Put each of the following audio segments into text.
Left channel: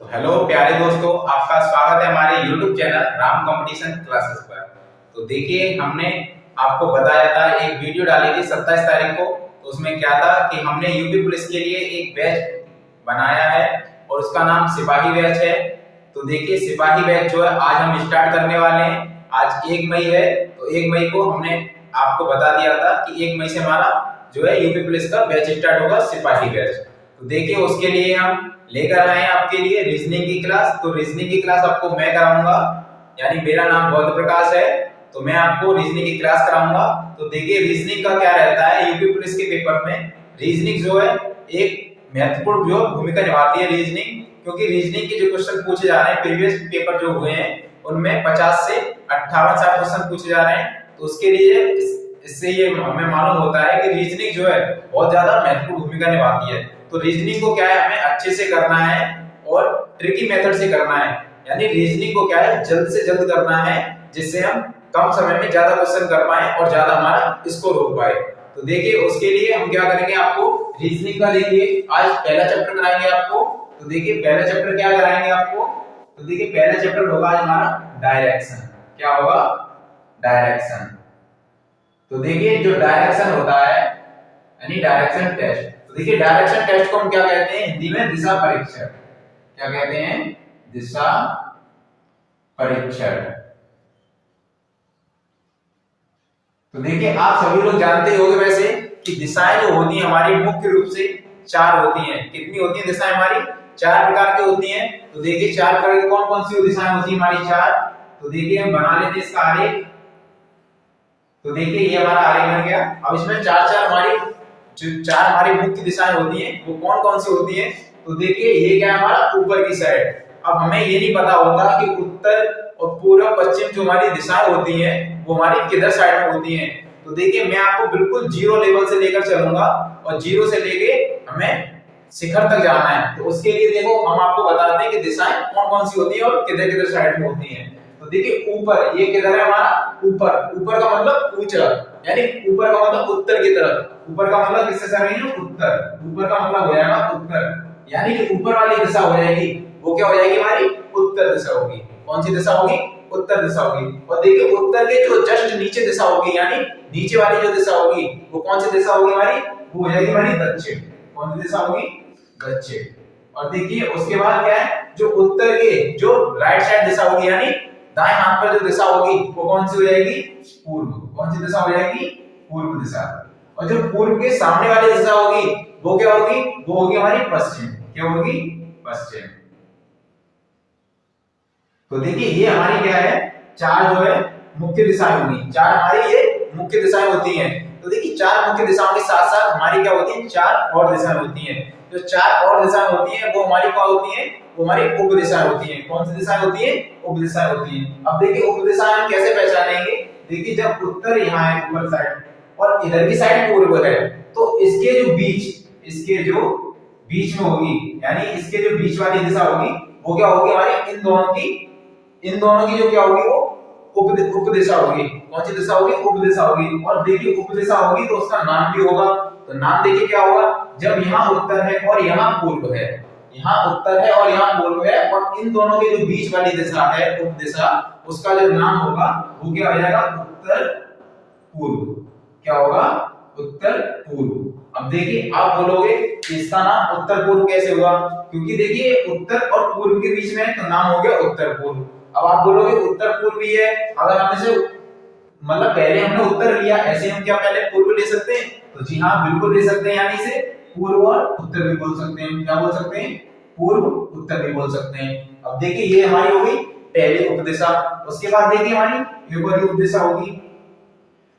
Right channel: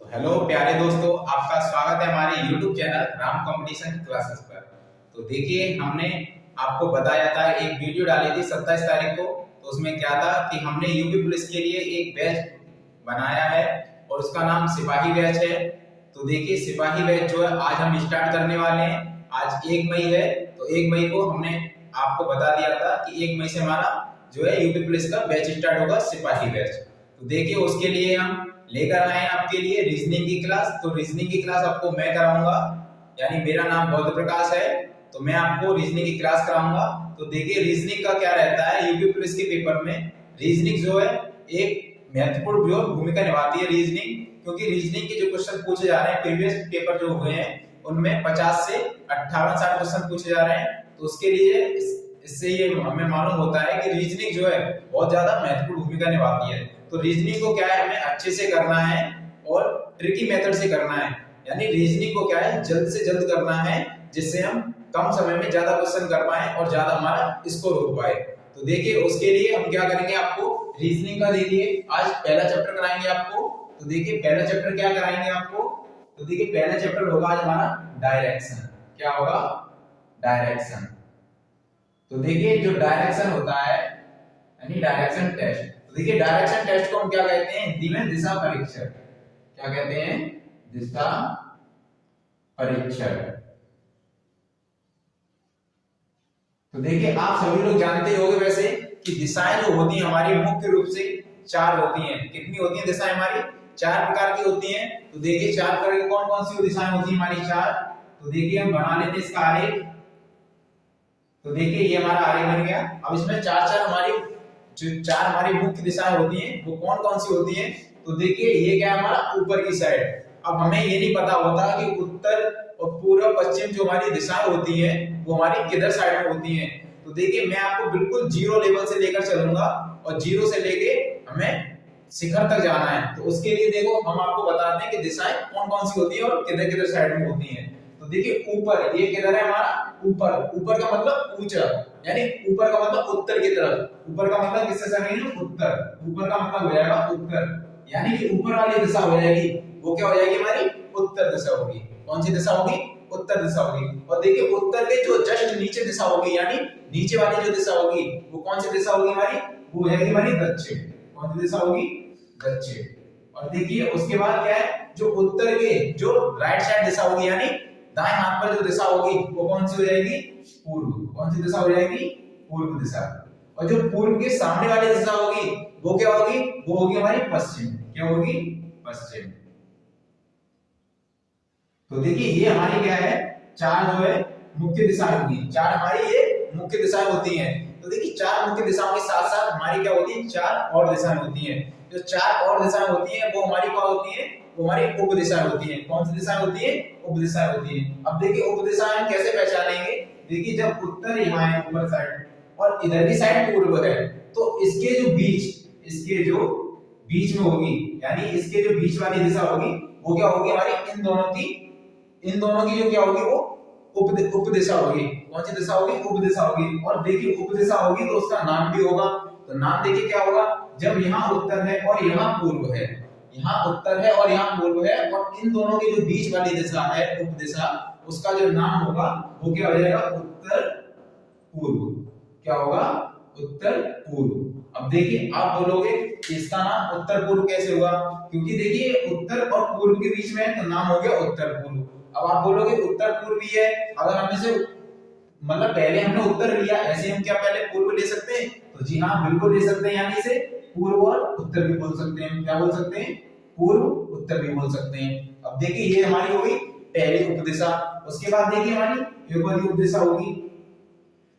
तो हेलो प्यारे दोस्तों, आपका स्वागत है हमारे YouTube channel Ram competition classes पर। तो देखिए, हमने आपको बताया था, एक वीडियो डाली थी 27 तारीख को। तो उसमें क्या था कि हमने यूपी पुलिस के लिए एक बैच बनाया है और उसका नाम सिपाही बैच है। तो देखिए, सिपाही बैच जो है आज हम स्टार्ट करने वाले हैं। आज 1 मई है, तो 1 मई को हमने आपको बता दिया था कि 1 मई से हमारा जो है यूपी पुलिस का बैच स्टार्ट होगा, सिपाही बैच। तो देखिए, उसके लिए हम लेकर आए हैं आपके लिए रीजनिंग की क्लास। तो रीजनिंग की क्लास आपको मैं कराऊंगा, यानी मेरा नाम गौतम प्रकाश है, तो मैं आपको रीजनिंग की क्लास कराऊंगा। तो देखिए, रीजनिंग का क्या रहता है, यूपी पुलिस के पेपर में रीजनिंग जो है एक महत्वपूर्ण जो भूमिका निभाती है रीजनिंग, क्योंकि रीजनिंग के जो क्वेश्चन पूछे जा रहे हैं, प्रीवियस पेपर जो हुए हैं उनमें 50 से 58-60 क्वेश्चन पूछे जा रहे हैं। तो उसके लिए इससे ये हमें मालूम होता है कि रीजनिंग जो है बहुत ज्यादा महत्वपूर्ण भूमिका निभाती है। तो रीजनिंग को क्या है, हमें अच्छे से करना है और ट्रिकी मेथड से करना है, यानी रीजनिंग को क्या है, जल्द से जल्द करना है, जिससे हम कम समय में ज्यादा क्वेश्चन कर पाए और ज्यादा हमारा स्कोर हो पाए। तो देखिए, उसके लिए हम क्या करेंगे, आपको रीजनिंग का देखिए आज पहला चैप्टर कराएंगे आपको। तो देखिए, पहला चैप्टर क्या कराएंगे आपको, तो देखिए पहला चैप्टर होगा आज हमारा डायरेक्शन। क्या होगा, डायरेक्शन। तो देखिए, जो डायरेक्शन होता है यानी डायरेक्शन टेस्ट, तो देखिए डायरेक्शन टेस्ट को हम क्या कहते हैं हिंदी में, दिशा परीक्षण। क्या कहते हैं, दिशा परीक्षण। तो देखिए, आप सभी लोग जानते ही होंगे वैसे कि दिशाएं जो होती हैं हमारी मुख्य रूप से 4 होती हैं। कितनी होती हैं दिशाएं हमारी, 4 प्रकार की होती हैं। तो देखिए 4 प्रकार की कौन कौन सी दिशाएं होती हैं हमारी 4। तो देखिए, हम बना लेते हैं इसका आरेख। तो देखिए, ये हमारा आरेख बन गया। अब इसमें 4 हमारी जो 4 हमारी मुख्य दिशाएं होती हैं वो कौन कौन सी होती हैं। तो देखिए, ये क्या है हमारा ऊपर की साइड। अब हमें ये नहीं पता होता कि उत्तर और पूर्व पश्चिम जो हमारी दिशाएं होती हैं वो हमारी किधर साइड में होती हैं। तो देखिए, मैं आपको बिल्कुल जीरो लेवल से लेकर चलूंगा और जीरो से लेके हमें शिखर तक जाना है। तो उसके लिए देखो, हम आपको बताते हैं कि दिशाएं कौन कौन सी होती हैं और किधर किधर साइड में होती हैं। तो देखिए, ऊपर ये किधर है हमारा, ऊपर। ऊपर का मतलब ऊंचा, यानी ऊपर का मतलब उत्तर की तरफ। ऊपर का मतलब किससे सर है, उत्तर। ऊपर का मतलब हो जाएगा उत्तर, यानी कि ऊपर वाली दिशा हो जाएगी वो क्या हो जाएगी हमारी, उत्तर दिशा होगी। कौन सी दिशा होगी, उत्तर दिशा होगी। और देखिए, उत्तर के जो जस्ट नीचे दिशा होगी, यानी नीचे वाली जो दिशा होगी वो कौन सी दिशा होगी हमारी, वो हो जाएगी हमारी दक्षिण। कौन सी दिशा होगी, दक्षिण। और देखिए, उसके बाद क्या है, जो उत्तर के जो राइट साइड दिशा होगी, यानी दाएं हाथ पर जो दिशा होगी वो कौन सी हो जाएगी, पूर्व। कौन सी दिशा हो जाएगी, पूर्व दिशा। और जो पूर्व के सामने वाली दिशा होगी वो क्या होगी, वो होगी हमारी पश्चिम। क्या होगी, पश्चिम। तो देखिए, ये हमारी क्या है, 4 जो है मुख्य दिशाएं होंगी। 4 हमारी ये मुख्य दिशाएं होती हैं। तो देखिए, 4 मुख्य दिशाओं के साथ साथ हमारी क्या होती है, 4 और दिशाएं होती हैं। जो 4 और दिशाएं होती हैं वो हमारी क्या होती हैं, वो हमारी उप दिशाएं होती हैं। कौन सी दिशाएं होती हैं, उप दिशाएं होती हैं। अब देखिए, उप दिशाएं हम कैसे पहचानेंगे। देखिए, जब उत्तर यहाँ है ऊपर साइड और इधर की साइड पूर्व है, तो इसके जो बीच में होगी, यानी इसके जो बीच वाली दिशा होगी वो क्या होगी हमारी, इन दोनों की जो क्या होगी, वो उप दिशा होगी। कौन सी दिशा होगी, उप दिशा होगी। और देखिए, उप दिशा होगी तो उसका नाम भी होगा। तो नाम देखिए क्या होगा, जब यहाँ उत्तर है और यहाँ पूर्व है, यहाँ उत्तर है और यहाँ पूर्व है, और इन दोनों के जो बीच वाली दिशा है उप दिशा, उसका जो नाम होगा वो क्या हो जाएगा, उत्तर पूर्व। क्या होगा, उत्तर पूर्व। अब देखिए, आप बोलोगे इसका नाम उत्तर पूर्व कैसे हुआ, क्योंकि देखिए उत्तर और पूर्व के बीच में है तो नाम हो गया उत्तर पूर्व। अब आप बोलोगे उत्तर पूर्व ही है, अगर हम इसे मतलब पहले हमने उत्तर लिया, ऐसे हम क्या पहले पूर्व ले सकते हैं, तो जी हाँ बिल्कुल ले सकते हैं, यानी इसे पूर्व और उत्तर भी बोल सकते हैं। क्या बोल सकते हैं, पूर्व उत्तर भी बोल सकते हैं। अब देखिए, ये हमारी होगी पहली उपदिशा। उसके बाद देखिए हमारी एक और उपदिशा होगी।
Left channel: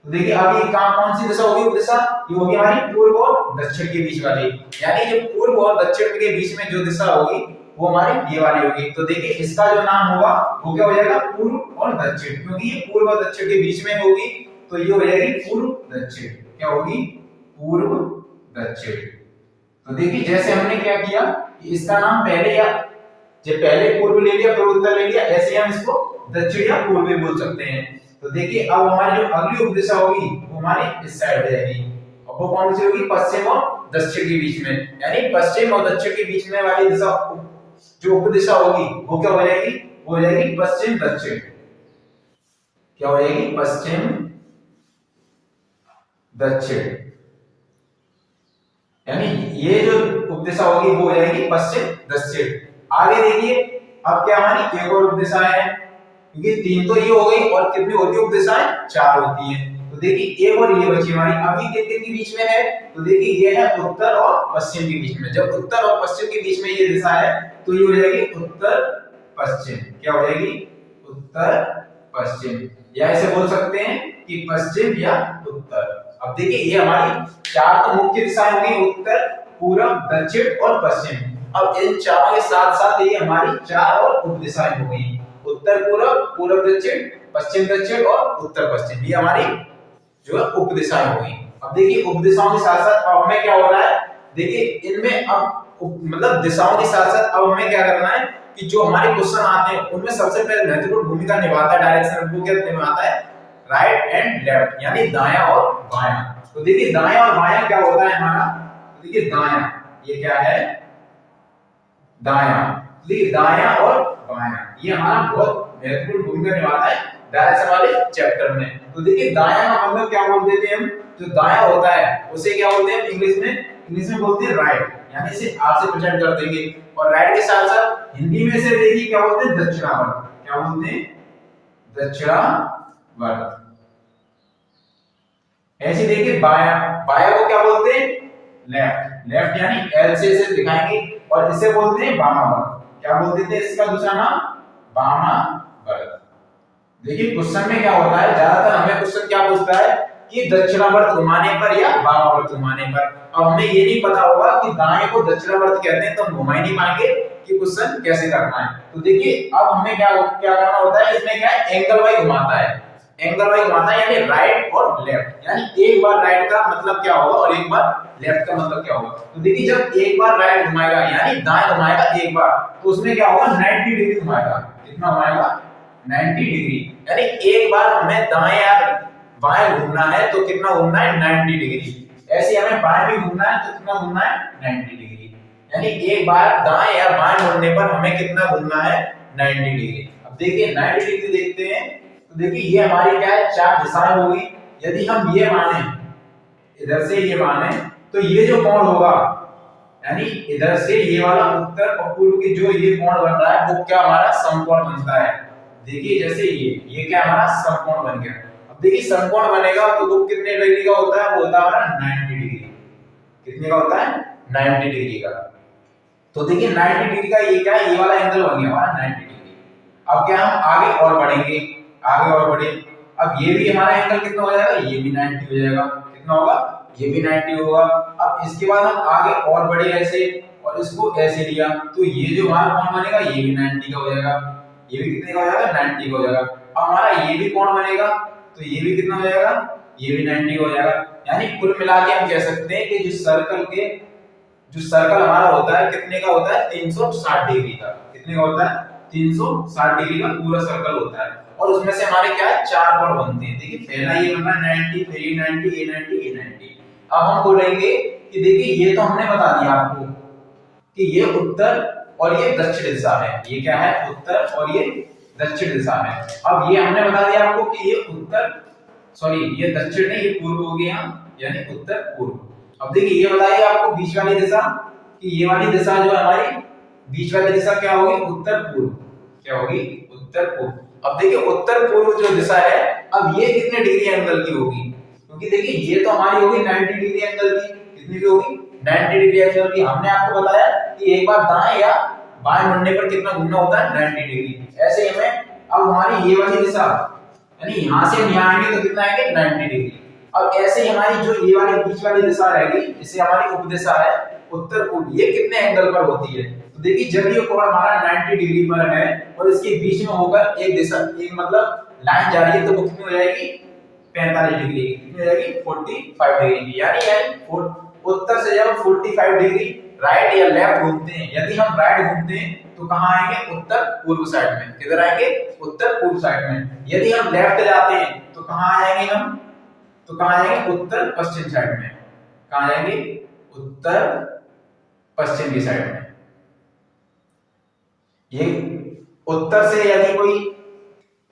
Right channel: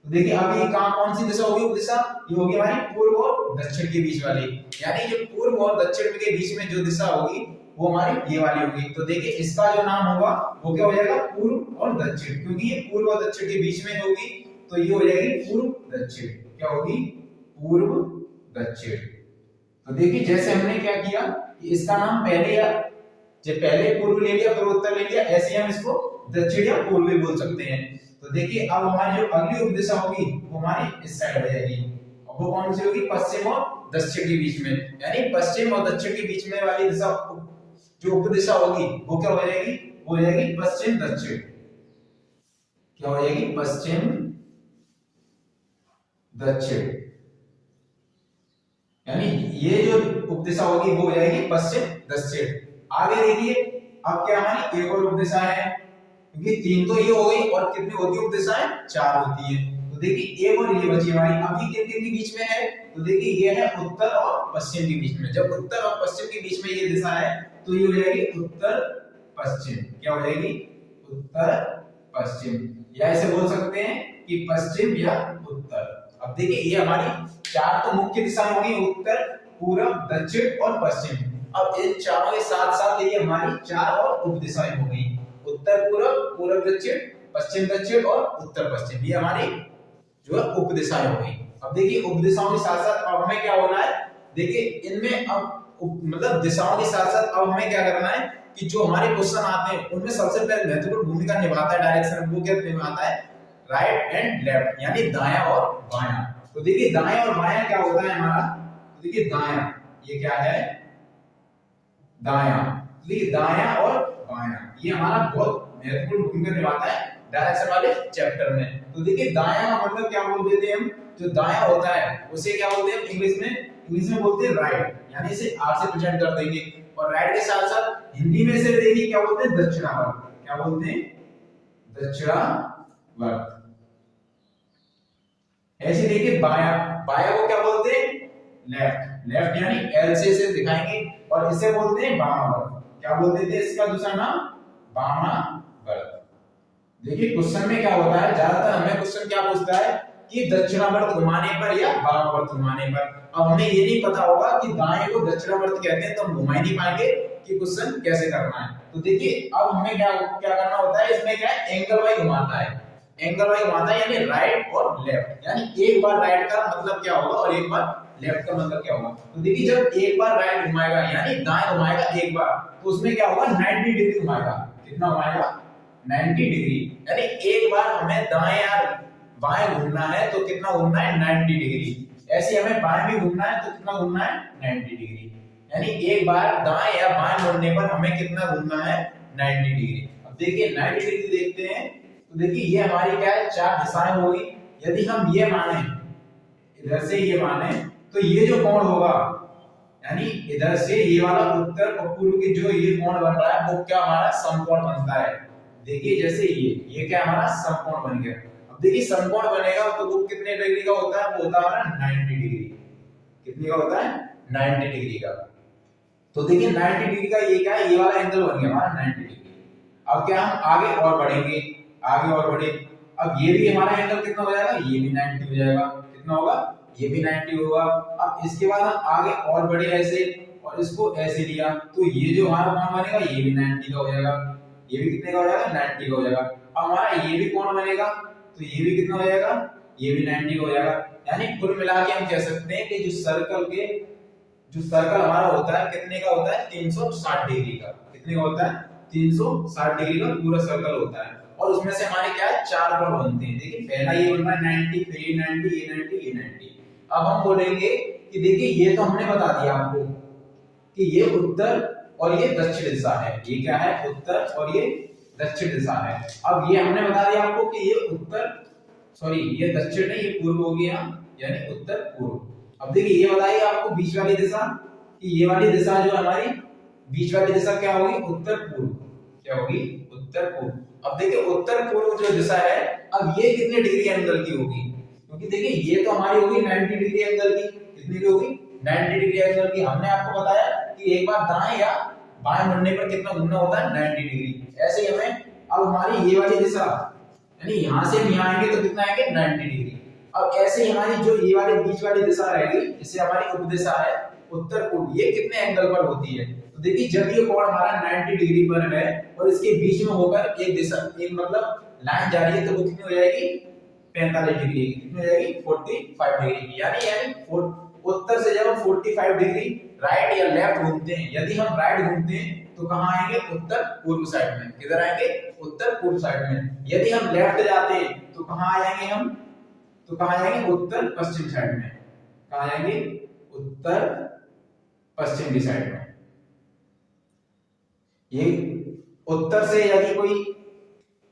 तो देखिए, अभी कौन सी दिशा होगी उपदिशा, ये होगी हमारी पूर्व और दक्षिण के बीच वाली, यानी ये पूर्व और दक्षिण के बीच में जो दिशा होगी वो हमारी ये वाली होगी। तो देखिए, इसका जो नाम होगा वो क्या हो जाएगा, पूर्व और दक्षिण, क्योंकि ये पूर्व और दक्षिण के बीच में होगी तो ये हो जाएगी पूर्व दक्षिण। क्या होगी, पूर्व दक्षिण। तो देखिए, जैसे हमने क्या किया, इसका नाम पहले या जब पहले पूर्व ले लिया फिर उत्तर ले लिया, ऐसे हम इसको दक्षिण या पूर्व भी बोल सकते हैं। तो देखिए, अब हमारी जो अगली उपदिशा होगी वो हमारी इस साइड जाएगी, और वो कौन सी होगी, पश्चिम और दक्षिण के बीच में, यानी पश्चिम और दक्षिण के बीच में वाली दिशा जो उपदिशा होगी वो क्या हो जाएगी, वो हो जाएगी पश्चिम दक्षिण। क्या हो जाएगी, पश्चिम दक्षिण, यानी ये जो उपदिशा होगी वो हो जाएगी पश्चिम दक्षिण। आगे देखिए अब क्या हमारी एक और उपदिशा है, क्योंकि 3 तो ये हो गई और कितनी होती है उपदिशाएं, 4 होती हैं। तो देखिए एक और ये बची हमारी, अब ये किन के बीच में है, तो देखिए ये है उत्तर और पश्चिम के बीच में। जब उत्तर और पश्चिम के बीच में ये दिशा है तो ये हो जाएगी उत्तर पश्चिम। क्या हो जाएगी, उत्तर पश्चिम, या ऐसे बोल सकते हैं कि पश्चिम या उत्तर। अब देखिए ये हमारी 4 तो मुख्य दिशाएं होंगी, उत्तर पूर्व दक्षिण और पश्चिम। अब इन चारों के साथ साथ ये हमारी 4 और उप दिशाएं हो गई, उत्तर पूर्व, पूर्व दक्षिण, पश्चिम दक्षिण और उत्तर पश्चिम। ये हमारी जो है उप दिशाएं हो गई। अब देखिए उप दिशाओं के साथ साथ अब हमें क्या हो रहा है, देखिए इनमें अब मतलब दिशाओं के साथ साथ अब हमें क्या करना है कि जो हमारे क्वेश्चन आते हैं उनमें सबसे पहले महत्वपूर्ण भूमिका निभाता है डायरेक्शन, वो क्या निभाता है, राइट एंड लेफ्ट, यानी दायां और बायां। तो देखिए दायां और बायां क्या होता है हमारा, तो देखिए दायां, ये क्या है, दायां, देखिए दायां और बायां ये हमारा बहुत महत्वपूर्ण भूमिका निभाता है डायरेक्शन वाले चैप्टर में। तो देखिए दायां का मतलब क्या बोल देते हैं हम, जो दायां होता है उसे क्या बोलते हैं इंग्लिश में बोलते हैं राइट, यानी इसे आर से प्रेजेंट कर देंगे। और राइट के साथ साथ हिंदी में से देखिए क्या बोलते हैं, दक्षिणावर्त। क्या बोलते हैं, दक्षिणावर्त। ऐसे देखिए बायां, बायां को क्या बोलते हैं, लेफ्ट, लेफ्ट यानी एल से इसे दिखाएंगे, और इसे बोलते हैं वामावर्त। क्या बोलते थे इसका दूसरा नाम, वामावर्त। देखिए क्वेश्चन में क्या होता है, ज्यादातर हमें क्वेश्चन क्या पूछता है कि दक्षिणावर्त घुमाने पर या वामावर्त घुमाने पर। अब हमें ये नहीं पता होगा कि दाएं को दक्षिणावर्त कहते हैं तो हम घुमा ही नहीं पाएंगे कि क्वेश्चन कैसे करना है। तो देखिए अब हमें क्या क्या करना होता है, इसमें क्या है, एंगल वाइज घुमाता है, एंगल वाइज घुमाता है, यानी राइट और लेफ्ट, यानी एक बार राइट का मतलब क्या होगा और एक बार लेफ्ट का मतलब क्या होगा। तो देखिए जब एक बार राइट घुमाएगा यानी दाएं घुमाएगा एक बार, तो उसमें क्या होगा, 90 डिग्री घुमाएगा। कितना घुमाएगा, 90 डिग्री, यानी एक बार हमें दाएं या बाएं घूमना है तो कितना घूमना है, 90 डिग्री। ऐसे हमें बाएं भी घूमना है तो कितना घूमना है, 90 डिग्री, यानी एक बार दाएं या बाएं मुड़ने पर हमें कितना घूमना है, 90 डिग्री। अब देखिए 90 डिग्री देखते हैं, तो देखिए ये हमारी क्या है, 4 दिशाएं होगी। यदि हम ये माने, इधर से ये माने, तो ये जो कोण होगा, यानी इधर से ये वाला उत्तर और पूर्व की जो ये कोण बन रहा है वो क्या हमारा समकोण बनता है। देखिए जैसे ये क्या हमारा समकोण बन गया। अब देखिए समकोण बनेगा तो वो कितने डिग्री का होता है, वो होता है हमारा 90 डिग्री। कितने का होता है, 90 डिग्री का। तो देखिए 90 डिग्री का ये क्या है, ये वाला एंगल बन गया हमारा 90 डिग्री। अब क्या हम आगे और बढ़ेंगे, आगे और बढ़े, अब ये भी हमारा एंगल कितना हो जाएगा, ये भी 90 हो जाएगा। कितना होगा, ये भी 90 होगा। अब इसके बाद हम आगे और बढ़े ऐसे, और इसको ऐसे लिया, तो ये जो हमारा कोण बनेगा ये भी 90 का हो जाएगा। ये भी कितने का हो जाएगा, 90 का हो जाएगा। अब हमारा ये भी कोण बनेगा तो ये भी कितना हो जाएगा, ये भी 90 का हो जाएगा। यानी कुल मिला के हम कह सकते हैं कि जो सर्कल हमारा होता है कितने का होता है, 360 डिग्री का। कितने का होता है, 360 डिग्री का पूरा सर्कल होता है। और उसमें से हमारे क्या है, 4 कोण बनते हैं। देखिए पहला ये बन रहा है 90, फिर ये 90, ये 90, ये 90। अब हम बोलेंगे कि देखिए ये तो हमने बता दिया आपको कि ये उत्तर और ये दक्षिण दिशा है। ये क्या है, उत्तर और ये दक्षिण दिशा है। अब ये हमने बता दिया आपको कि ये उत्तर, सॉरी ये दक्षिण नहीं, ये पूर्व हो गया, यानी उत्तर पूर्व। अब देखिए ये बताइए आपको बीच वाली दिशा, कि ये वाली दिशा जो हमारी बीच वाली दिशा क्या होगी, उत्तर पूर्व। क्या होगी, उत्तर पूर्व। अब देखिए उत्तर पूर्व जो दिशा है, अब ये कितने डिग्री एंगल की होगी, क्योंकि देखिए ये तो हमारी होगी 90 डिग्री एंगल की। कितनी की होगी, 90 डिग्री एंगल की। हमने आपको बताया कि एक बार दाएं या बाएं मुड़ने पर कितना घूमना होता है, 90 डिग्री। ऐसे ही हमें अब हमारी ये वाली दिशा, यानी यहां से हम यहां आएंगे तो कितना आएंगे, 90 डिग्री। अब ऐसे ही हमारी जो ये वाली बीच वाली दिशा रहेगी, जिसे हमारी उपदिशा है उत्तर पूर्व, ये कितने एंगल पर होती है। तो देखिए जब ये कोण हमारा 90 डिग्री पर है और इसके बीच में होकर एक दिशा, एक मतलब लाइन जा रही है, तो वो कितनी हो जाएगी, 45 डिग्री। कितनी हो जाएगी, 45 डिग्री की। यानी उत्तर से जब 45 डिग्री राइट या लेफ्ट घूमते हैं, यदि हम राइट घूमते हैं तो कहां आएंगे, उत्तर पूर्व साइड में। किधर आएंगे, उत्तर पूर्व साइड में। यदि हम लेफ्ट जाते हैं तो कहां आ जाएंगे हम, तो कहां आ जाएंगे, उत्तर पश्चिम साइड में। कहां जाएंगे, उत्तर पश्चिम की साइड में। ये उत्तर से यदि कोई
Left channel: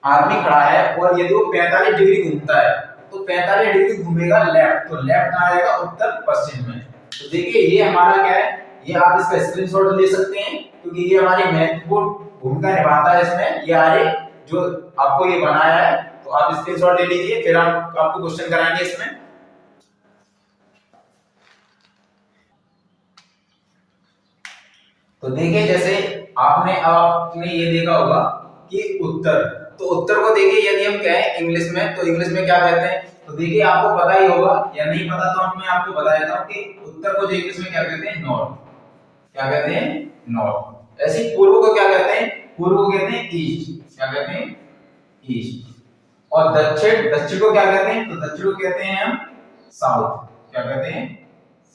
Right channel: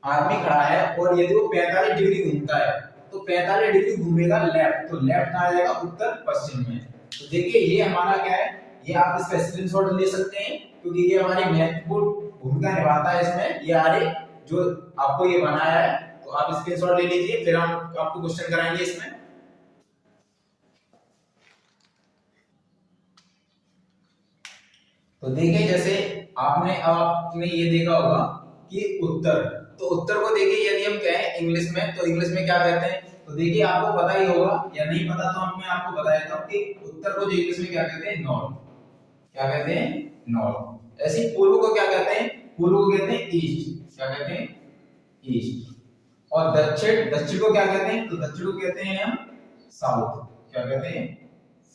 आदमी खड़ा है और यदि वो 45 डिग्री घूमता है तो 45 डिग्री घूमेगा लेफ्ट, तो लेफ्ट कहाँ जाएगा, उत्तर पश्चिम में। तो देखिए ये हमारा क्या है, ये आप इसका स्क्रीनशॉट ले सकते हैं क्योंकि ये हमारी महत्वपूर्ण भूमिका निभाता है इसमें। ये आरेख जो आपको ये बनाया है, तो आप स्क्रीनशॉट ले लीजिए, फिर हम आपको क्वेश्चन कराएंगे इसमें। तो देखिए जैसे आपने ये देखा होगा कि उत्तर, तो उत्तर को देखिए यदि हम कहें इंग्लिश में, तो इंग्लिश में क्या कहते हैं, तो देखिए आपको पता ही होगा या नहीं पता, तो मैं आपको बता देता हूं कि उत्तर को जो इंग्लिश में क्या कहते हैं, नॉर्थ। क्या कहते हैं, नॉर्थ। ऐसे पूर्व को क्या कहते हैं, पूर्व को कहते हैं ईस्ट। क्या कहते हैं, ईस्ट। और दक्षिण, दक्षिण को क्या कहते हैं, तो दक्षिण को कहते हैं हम साउथ। क्या कहते हैं,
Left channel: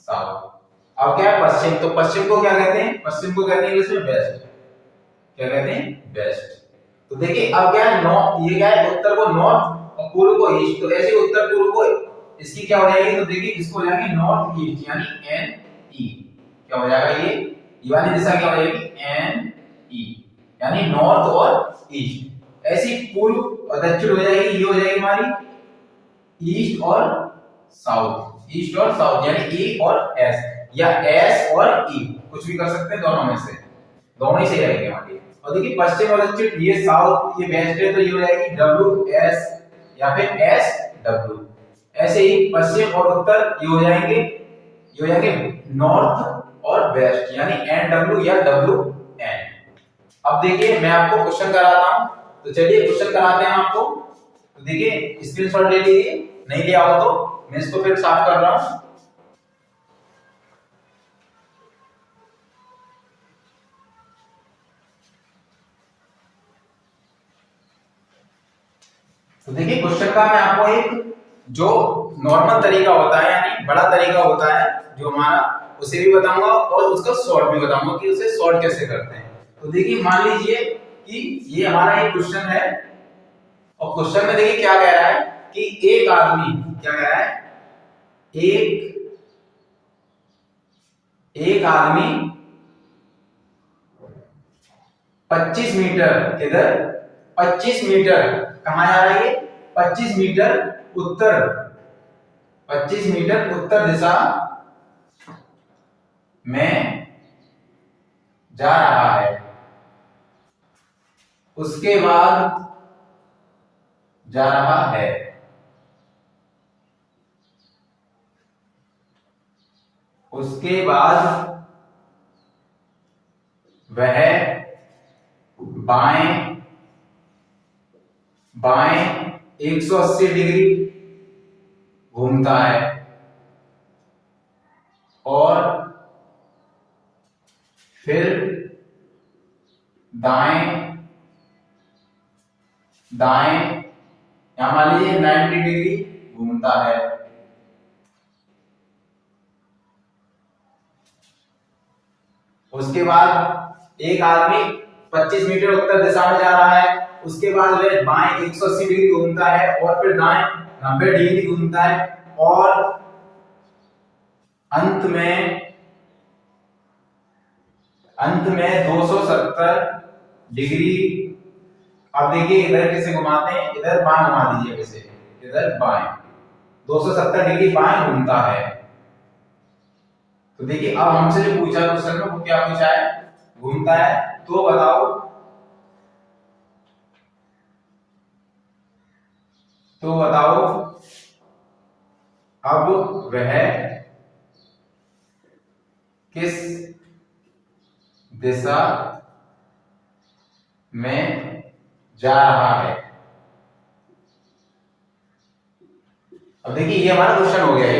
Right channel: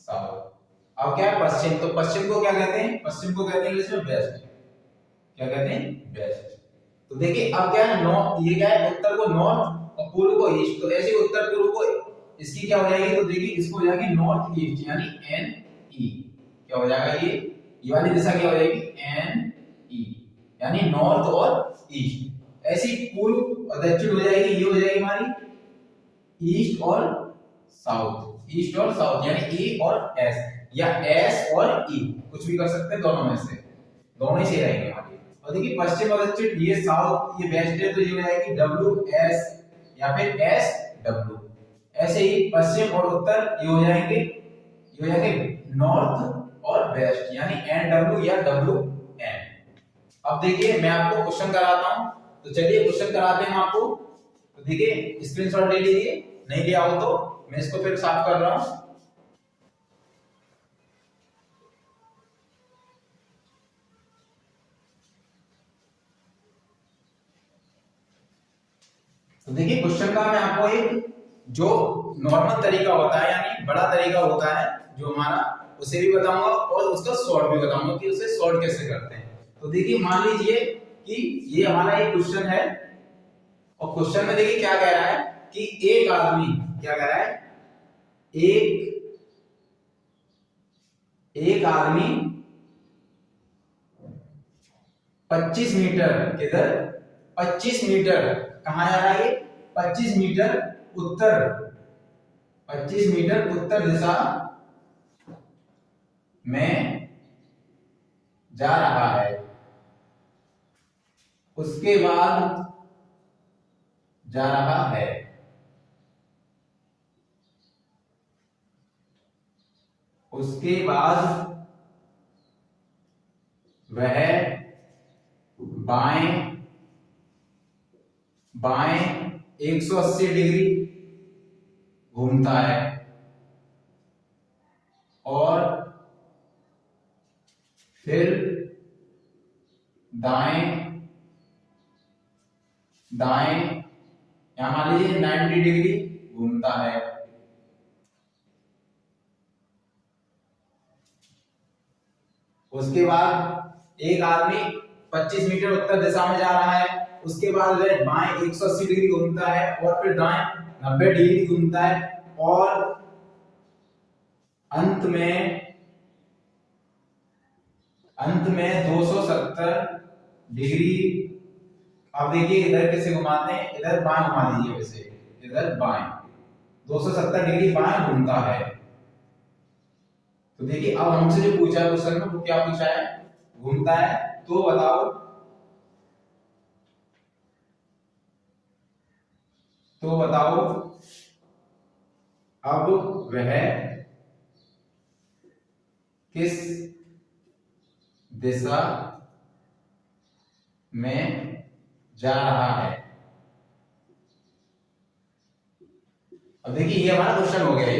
साउथ। अब क्या है पश्चिम, तो पश्चिम को क्या कहते हैं, पश्चिम को कहते हैं इंग्लिश में वेस्ट। क्या कहते हैं, वेस्ट। तो देखिए अब क्या है, नॉर्थ, ये क्या है, उत्तर को नॉर्थ और पूर्व को ईस्ट। तो ऐसे उत्तर पूर्व को इसकी क्या हो जाएगी, तो देखिए इसको हो जाएगी नॉर्थ ईस्ट, यानी एन ई। क्या हो जाएगा, ये वाली दिशा क्या हो जाएगी, एन ई, यानी नॉर्थ और ईस्ट। ऐसी पूर्व और दक्षिण हो जाएगी, ये हो जाएगी हमारी ईस्ट और साउथ। ईस्ट और साउथ यानी ई और एस, या एस और ई, कुछ भी कर सकते हैं दोनों में से, दोनों ही सही रहेंगे हमारे। और देखिए पश्चिम और दक्षिण, ये साउथ ये वेस्ट है, तो ये हो जाएगी डब्ल्यू एस या फिर एस डब्ल्यू। ऐसे ही पश्चिम और उत्तर ये हो जाएंगे, नॉर्थ और वेस्ट, यानी एन डब्ल्यू या डब्ल्यू एन। अब देखिए मैं आपको क्वेश्चन कराता हूं, तो चलिए क्वेश्चन कराते हैं आपको। तो देखिए स्क्रीनशॉट ले लीजिए, नहीं लिया हो तो मैं इसको फिर साफ कर रहा हूं। तो देखिए क्वेश्चन का मैं आपको एक जो नॉर्मल तरीका होता है, यानी बड़ा तरीका होता है जो हमारा, उसे भी बताऊंगा और उसका शॉर्ट भी बताऊंगा कि उसे शॉर्ट कैसे करते हैं। तो देखिए मान लीजिए कि ये हमारा एक क्वेश्चन है, और क्वेश्चन में देखिए क्या कह रहा है कि एक आदमी, क्या कह रहा है, एक आदमी 25 मीटर, किधर, 25 मीटर कहां जा रहा है, 25 मीटर उत्तर, 25 मीटर उत्तर दिशा में जा रहा है। उसके बाद जा रहा है, उसके बाद वह बाएं 180 डिग्री घूमता है और फिर दाएं यहां मान लीजिए 90 डिग्री घूमता है। उसके बाद एक आदमी 25 मीटर उत्तर दिशा में जा रहा है, उसके बाद वह बाएं 180 डिग्री घूमता है और फिर दाएं 90 डिग्री घूमता है और अंत में 270 डिग्री। अब देखिए इधर कैसे घुमाते हैं, इधर बाएं घुमा दीजिए, वैसे इधर बाएं 270 डिग्री बाएं घूमता है। तो देखिए अब हमसे जो पूछा क्वेश्चन में, वो क्या पूछा है, घूमता है, तो बताओ, अब वह किस दिशा में जा रहा है। अब देखिए ये हमारा क्वेश्चन हो गया है।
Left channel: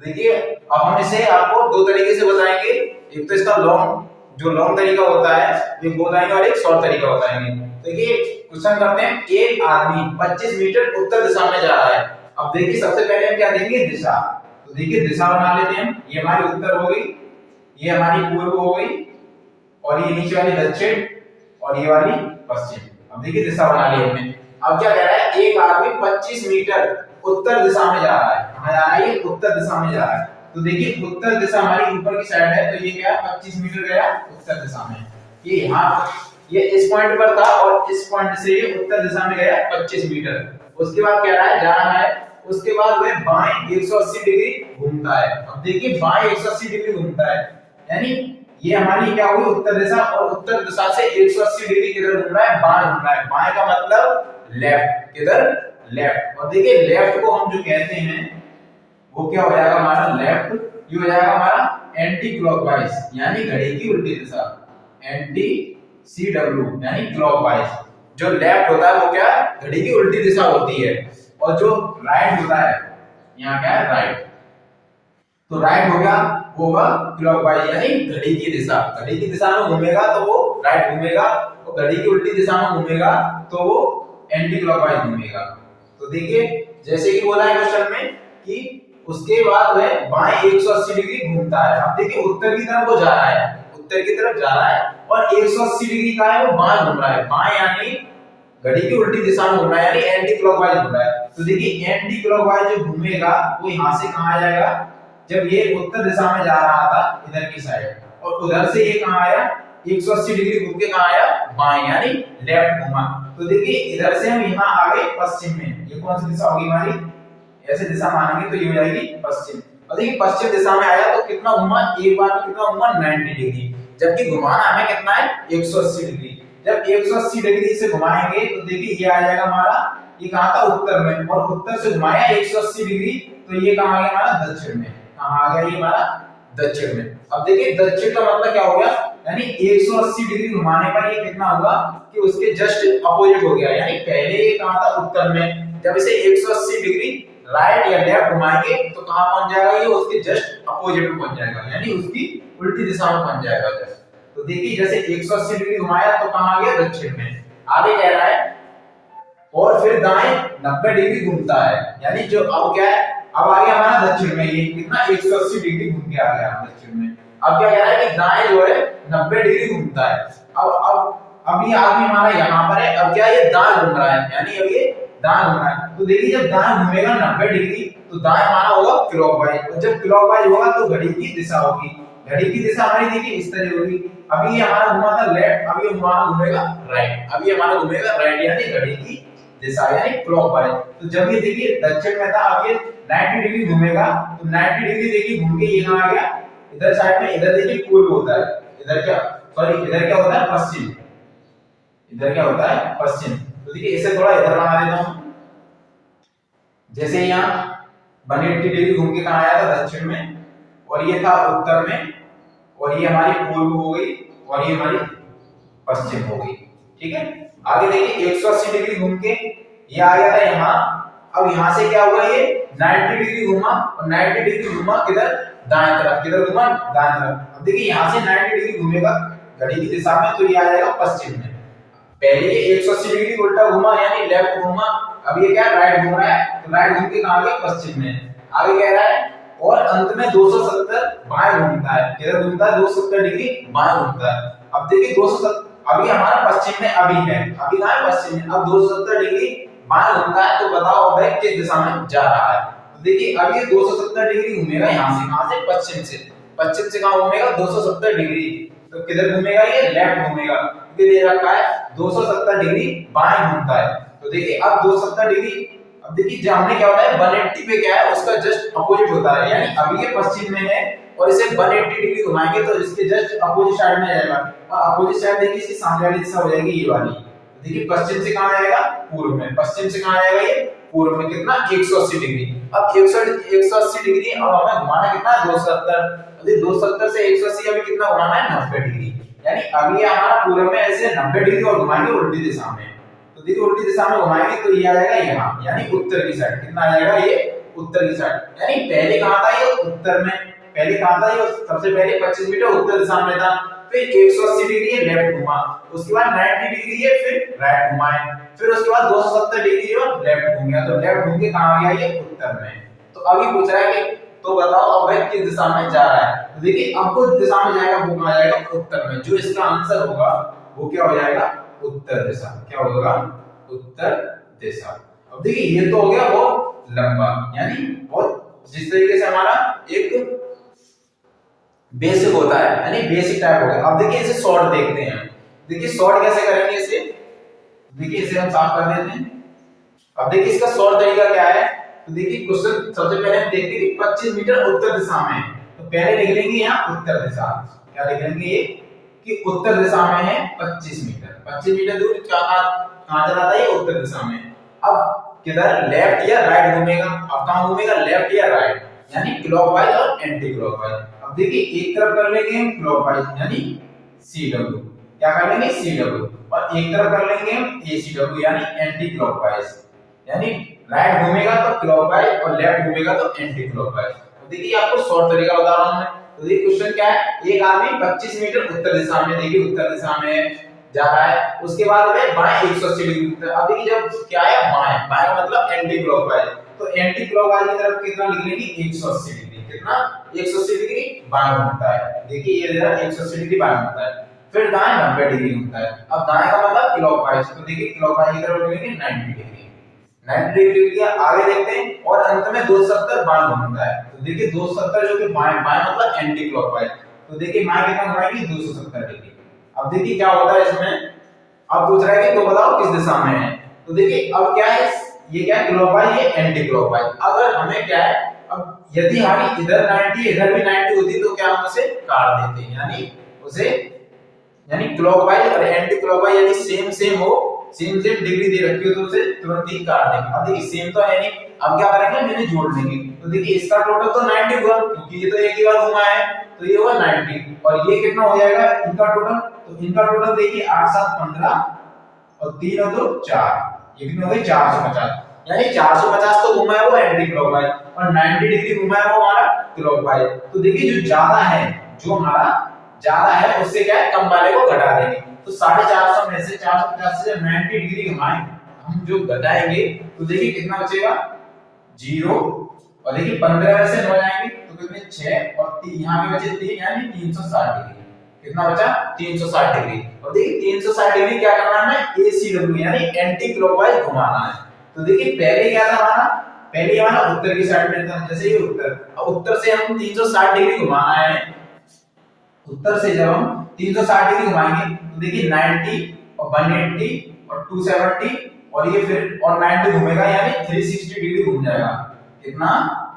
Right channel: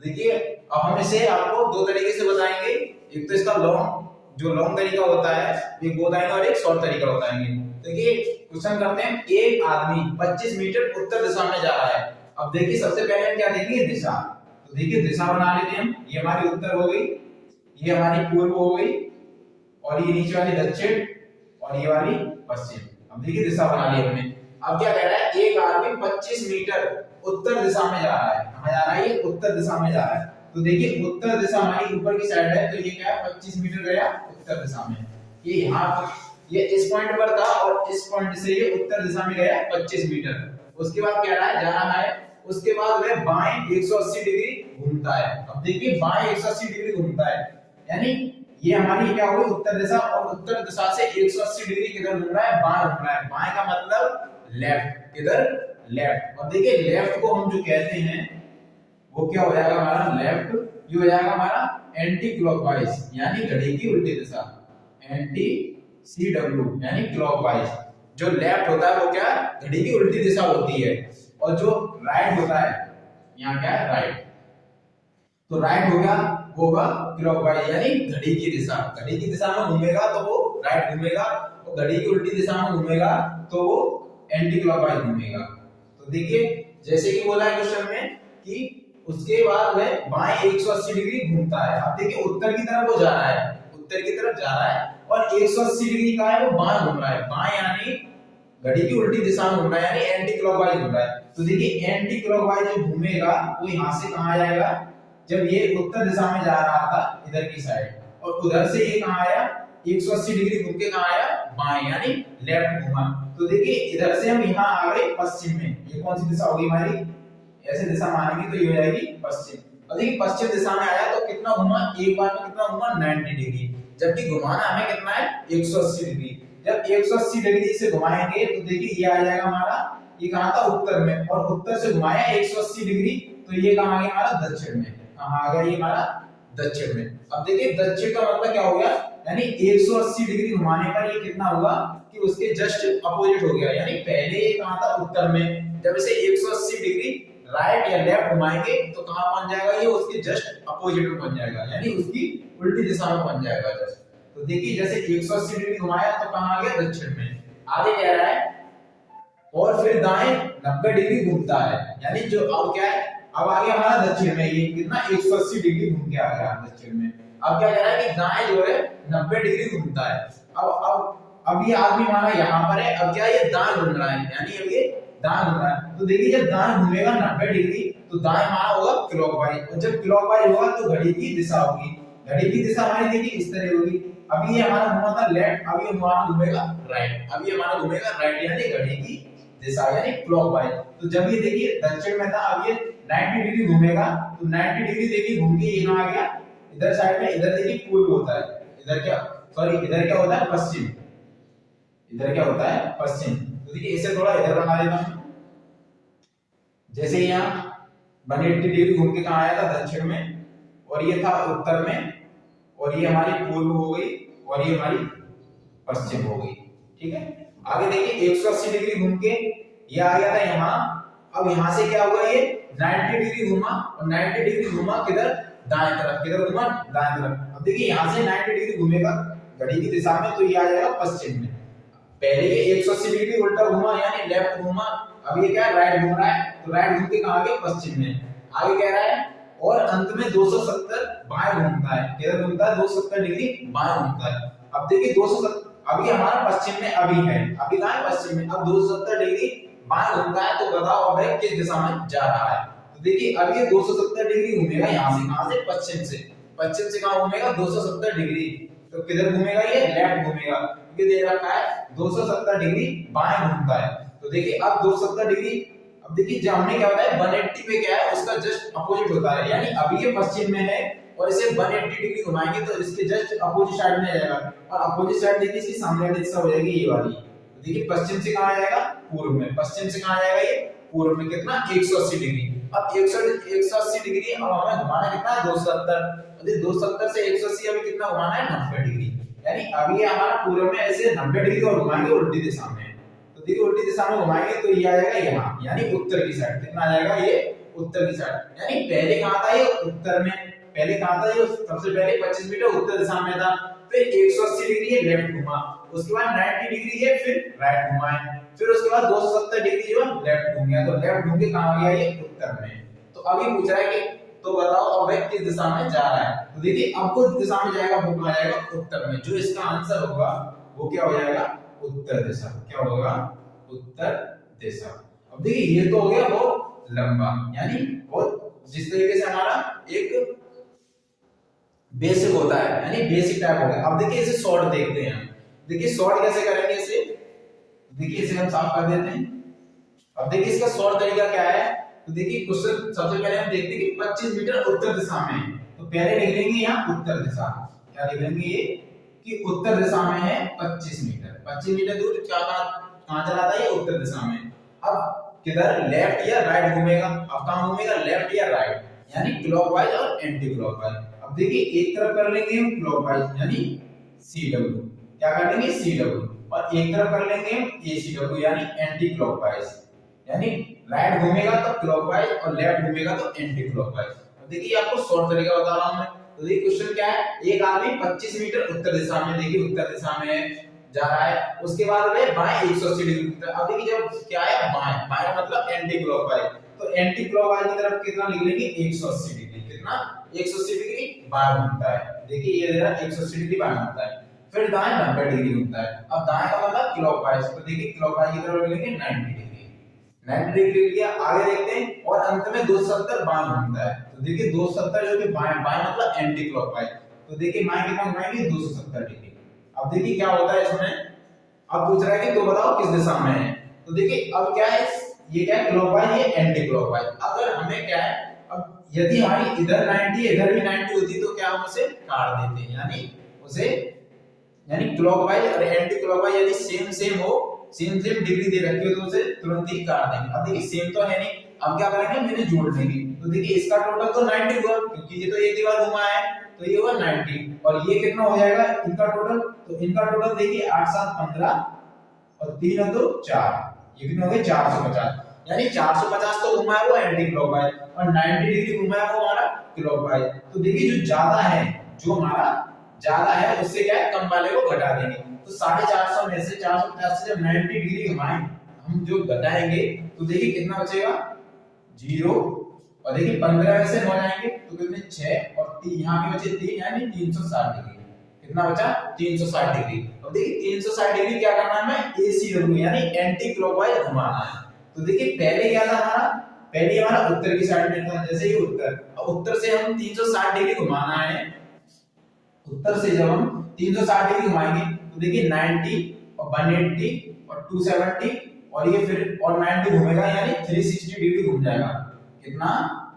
देखिए अब हम इसे आपको दो तरीके से बताएंगे, एक तो इसका लॉन्ग तरीका होता है ये बताएंगे, और एक शॉर्ट तरीका बताएंगे। देखिए क्वेश्चन करते हैं, एक आदमी 25 मीटर उत्तर दिशा में जा रहा है। अब देखिए सबसे पहले हम क्या देखेंगे, दिशा। तो देखिए दिशा बना लेते हैं, ये हमारी उत्तर हो गई, ये हमारी पूर्व हो गई, और ये नीचे वाली दक्षिण, और ये वाली पश्चिम। अब देखिए दिशा बना ली हमने। अब क्या कह रहा है, एक आदमी 25 मीटर उत्तर दिशा में जा रहा है। कहां जा रहा है, ये उत्तर दिशा में जा रहा है। तो देखिए उत्तर दिशा हमारी ऊपर की साइड है, तो ये क्या है, 25 मीटर गया उत्तर दिशा में। ये यहाँ ये इस पॉइंट पर था और इस पॉइंट से ये उत्तर दिशा में गया 25 मीटर। उसके बाद कह रहा है जा रहा है, उसके बाद वह बाएं 180 डिग्री घूमता है। अब देखिए बाएं 180 डिग्री घूमता है, यानी ये हमारी क्या हुई उत्तर दिशा, और उत्तर दिशा से 180 डिग्री किधर घूम रहा है, बाएं घूम रहा है। बाएं का मतलब लेफ्ट, किधर, लेफ्ट। और देखिए लेफ्ट को हम जो कहते हैं वो क्या हो जाएगा हमारा लेफ्ट, ये हो जाएगा हमारा एंटी क्लॉकवाइज, यानी घड़ी की उल्टी दिशा, एंटी CW यानी क्लॉकवाइज। जो लेफ्ट होता है वो क्या है, घड़ी की उल्टी दिशा होती है, और जो राइट होता है, यहाँ क्या है राइट, तो राइट होगा वो होगा क्लॉकवाइज यानी घड़ी की दिशा। घड़ी की दिशा में घूमेगा तो वो राइट घूमेगा, और घड़ी की उल्टी दिशा में घूमेगा तो वो एंटी क्लॉकवाइज घूमेगा। तो देखिए जैसे कि बोला है क्वेश्चन में कि उसके बाद वह बाएं 180 डिग्री घूमता है। अब देखिए उत्तर की तरफ वो जा रहा है, उत्तर की तरफ जा रहा है, और 180 डिग्री का है वो बाएं घूम रहा है। बाएं यानी घड़ी की उल्टी दिशा में घूम रहा है, यानी एंटी क्लॉकवाइज घूम रहा है। तो देखिए एंटी क्लॉकवाइज जो घूमेगा वो यहां से कहां आ जाएगा, जब ये उत्तर दिशा में जा रहा था इधर की साइड, और उधर से ये कहां आया 180 डिग्री घूम के कहां आया बाएं, यानी लेफ्ट घूमा। तो देखिए इधर से हम यहां आ गए पश्चिम में, ये कौन सी दिशा होगी हमारी, ऐसे दिशा मानेंगे तो ये हो जाएगी पश्चिम। और देखिए पश्चिम दिशा में आया तो कितना घुमा, एक बार में कितना घुमा 90 डिग्री, जबकि घुमाना हमें कितना है 180 डिग्री। जब 180 डिग्री से घुमाएंगे तो देखिए ये आ जाएगा हमारा, ये कहां था उत्तर में, और उत्तर से घुमाया 180 डिग्री तो ये कहां आ गया हमारा दक्षिण में, कहां आ गया ये हमारा दक्षिण में। अब देखिए दक्षिण का मतलब क्या हो गया, यानी 180 डिग्री घुमाने पर ये कितना होगा कि उसके जस्ट अपोजिट हो गया, यानी पहले ये कहां था उत्तर में, जब इसे 180 डिग्री राइट या लेफ्ट घुमाएंगे तो कहां पहुंच जाएगा ये उसके जस्ट अपोजिट में पहुंच जाएगा, यानी उसकी उल्टी दिशा में पहुंच जाएगा जस्ट। तो देखिए जैसे 180 डिग्री घुमाया तो कहां आ गया दक्षिण में। आगे कह रहा है और फिर दाएं 90 डिग्री घूमता है, यानी जो अब क्या है, अब आ गया हमारा दक्षिण में, ये कितना 180 डिग्री घूम के आ गया दक्षिण में। अब क्या कह रहा है कि दाएं जो है 90 डिग्री घूमता है। अब ये आदमी हमारा यहाँ पर है, अब क्या ये दाएं घूम रहा है, यानी अब ये दाएं घूम रहा है। तो देखिए जब दाएं घूमेगा 90 डिग्री तो दाएं हमारा होगा क्लॉकवाइज, और जब क्लॉकवाइज होगा तो घड़ी की दिशा होगी, घड़ी की दिशा हमारी देखिए इस तरह होगी। अभी ये हमारा घुमा था लेफ्ट, अभी हमारा घूमेगा राइट, अभी हमारा घूमेगा राइट, यानी घड़ी की दिशा यानी क्लॉकवाइज। तो जब ये देखिए दक्षिण में था, अब ये 90 डिग्री घूमेगा, तो 90 डिग्री देखिए घूम के ये कहां आ गया इधर साइड में, इधर देखिए पूर्व होता है, इधर क्या सॉरी इधर क्या होता है पश्चिम, इधर क्या होता है पश्चिम। तो देखिए इसे थोड़ा इधर बना देता हूं, जैसे यहाँ 180 डिग्री घूम के कहां आया था दक्षिण में, और ये था उत्तर में, और ये हमारी पूर्व हो गई, और ये हमारी पश्चिम हो गई, ठीक है। आगे देखिए 180 डिग्री घूम के ये आ गया था यहाँ। अब यहाँ से क्या हुआ, ये 90 डिग्री घूमा, और 90 डिग्री घूमा किधर दाएं तरफ, किधर घूमा दाएं तरफ। अब देखिए यहाँ से 90 डिग्री घूमेगा घड़ी की दिशा में, तो ये आ जाएगा पश्चिम में। पहले ये 180 डिग्री उल्टा घूमा यानी लेफ्ट घूमा, अब ये क्या राइट घूम रहा है, तो राइट घूम के कहां गया पश्चिम में। आगे कह रहा है और अंत में 270 बाएं घूमता है, किधर घूमता है 270 डिग्री बाएं घूमता है। अब देखिए 270 अभी हमारा पश्चिम में अभी है, अभी कहां है पश्चिम में, अब 270 डिग्री बाएं घूमता है, तो बताओ अब है किस दिशा में जा रहा है। तो देखिए अब ये 270 डिग्री घूमेगा यहां से, कहां से पश्चिम से, पश्चिम से कहां घूमेगा 270 डिग्री, तो किधर घूमेगा ये लेफ्ट घूमेगा, क्योंकि दे रखा है 270 डिग्री बाएं घूमता है। तो देखिए अब 270 डिग्री, अब देखिए जो हमने क्या होता है 180 पे क्या है उसका जस्ट अपोजिट होता है, यानी अभी ये पश्चिम में है और इसे 180 डिग्री घुमाएंगे तो इसके जस्ट अपोजिट साइड में जाएगा, और अपोजिट साइड देखिए इसकी सामने वाली दिशा हो जाएगी ये वाली। तो देखिए पश्चिम से कहां जाएगा पूर्व में, पश्चिम से कहां जाएगा ये पूर्व में, कितना 180 डिग्री। अब 180 डिग्री अब हमें घुमाना कितना है 270, तो 270 से 180 अभी कितना घुमाना है 90 डिग्री, यानी अभी ये हमारा पूर्व में ऐसे 90 डिग्री और घुमाएंगे उल्टी दिशा में। तो देखिए उल्टी दिशा में घुमाएंगे तो ये आ जाएगा यहाँ, यानी उत्तर की साइड, कितना आ जाएगा ये उत्तर की साइड, यानी पहले कहां था ये उत्तर में, पहले कहां था ये सबसे पहले 25 मीटर उत्तर दिशा में था, फिर 180 डिग्री ये लेफ्ट घुमा, उसके बाद 90 डिग्री ये फिर राइट घुमाए, फिर उसके बाद 270 डिग्री जो लेफ्ट घूम गया, तो लेफ्ट घूम के कहां गया ये उत्तर में। तो अभी पूछ रहा है कि तो बताओ अब वह किस दिशा में जा रहा है। तो देखिए अब कुछ दिशा में जाएगा वो कहां जाएगा उत्तर में, जो इसका आंसर होगा वो क्या हो जाएगा उत्तर दिशा, क्या होगा उत्तर दिशा। अब देखिए ये तो हो गया बहुत लंबा, यानी बहुत जिस तरीके से हमारा एक बेसिक होता है, यानी बेसिक टाइप हो गया। अब देखिए इसे शॉर्ट देखते हैं, देखिए सॉर्ट कैसे करेंगे इसे, देखिए इसे हम साफ कर देते हैं। अब देखिए इसका सॉर्ट तरीका क्या है, तो देखिए क्वेश्चन सबसे पहले हम देखते हैं कि 25 मीटर उत्तर दिशा में है, तो पहले लिख लेंगे यहाँ उत्तर दिशा, क्या लिख लेंगे ये कि उत्तर दिशा में है 25 मीटर। 25 मीटर दूर कहां चला था, ये उत्तर दिशा में। अब किधर, लेफ्ट या राइट घूमेगा, अब कहां घूमेगा, लेफ्ट या राइट, यानी क्लॉकवाइज और एंटी क्लॉकवाइज। अब देखिए एक तरफ कर लेंगे हम क्लॉकवाइज यानी CW, क्या कर लेंगे CW, और एक तरफ कर लेंगे हम ACW यानी एंटी क्लॉकवाइज, यानी राइट घूमेगा तो क्लॉकवाइज और लेफ्ट घूमेगा तो एंटी क्लॉकवाइज। तो देखिए आपको शॉर्ट तरीका बता रहा हूं मैं। तो देखिए क्वेश्चन क्या है, एक आदमी 25 मीटर उत्तर दिशा में, देखिए उत्तर दिशा में जा रहा है, उसके बाद में बाएं 180 डिग्री। अब देखिए जब क्या है बाएं, बाएं मतलब एंटी क्लॉकवाइज, तो एंटी क्लॉकवाइज की तरफ कितना लिख लेंगे 180 डिग्री, कितना 180 डिग्री बाएं घूमता है। देखिए ये इधर 180 डिग्री बाएं घूमता है, फिर दाएं 90 डिग्री घूमता है। अब दाएं का मतलब क्लॉकवाइज, तो देखिए क्लॉकवाइज की तरफ लिख लेंगे 90 डिग्री, 90 डिग्री के आगे देखते हैं, और अंत में 270 बाएं घूमता है। तो देखिए 270 जो कि बाएं, बाएं मतलब एंटी क्लॉकवाइज, तो देखिए बाएं कितना घुमाएंगे 270 डिग्री। अब देखिए क्या होता है इसमें, अब पूछ रहा है कि तो बताओ किस दिशा में है, तो देखिए अब क्या है, ये क्या है क्लॉकवाइज, ये एंटी क्लॉकवाइज। अगर हमें क्या है, अब यदि हमारी इधर 90 इधर भी 90 होती तो क्या हम उसे काट देते, यानी उसे, यानी क्लॉकवाइज और एंटी क्लॉकवाइज यदि सेम सेम हो, सेम सेम डिग्री दे रखी हो तो उसे तुरंत ही काट देंगे। अब देखिए सेम तो है नहीं, अब क्या करेंगे मैंने जोड़ लेंगे, तो देखिए इसका टोटल तो 90 हुआ क्योंकि ये तो एक ही बार घुमा है, तो ये हुआ 90, और ये कितना हो जाएगा इनका टोटल, तो इनका टोटल देखिए 8 7 15 और 3 और 2 4, ये कितने हो गए 450, यानी 450 तो घुमा है वो एंटी क्लॉकवाइज और 90 डिग्री घुमा है वो हमारा क्लॉकवाइज। तो देखिए जो ज्यादा है, जो हमारा ज्यादा है उससे क्या है कम वाले को घटा देंगे, तो 450 में से 450 से जब 90 डिग्री घुमाएंगे हम जो घटाएंगे तो देखिए कितना बचेगा 0, और देखिए 15 में से 9 जाएंगे तो कितने 6 और 3 यहां भी बचे 3, यानी 360 डिग्री, कितना बचा 360 डिग्री। और देखिए 360 डिग्री क्या करना है हमें ACW यानी एंटी क्लॉकवाइज घुमाना है। तो देखिए पहले क्या था हमारा, पहले हमारा उत्तर की साइड में था, जैसे ये उत्तर, अब उत्तर से हम 360 डिग्री घुमाना है, उत्तर से जब हम 360 डिग्री घुमाएंगे तो देखिए 90 और 180 और 270 और ये फिर और 90 घूमेगा यानी 360 डिग्री घूम जाएगा, कितना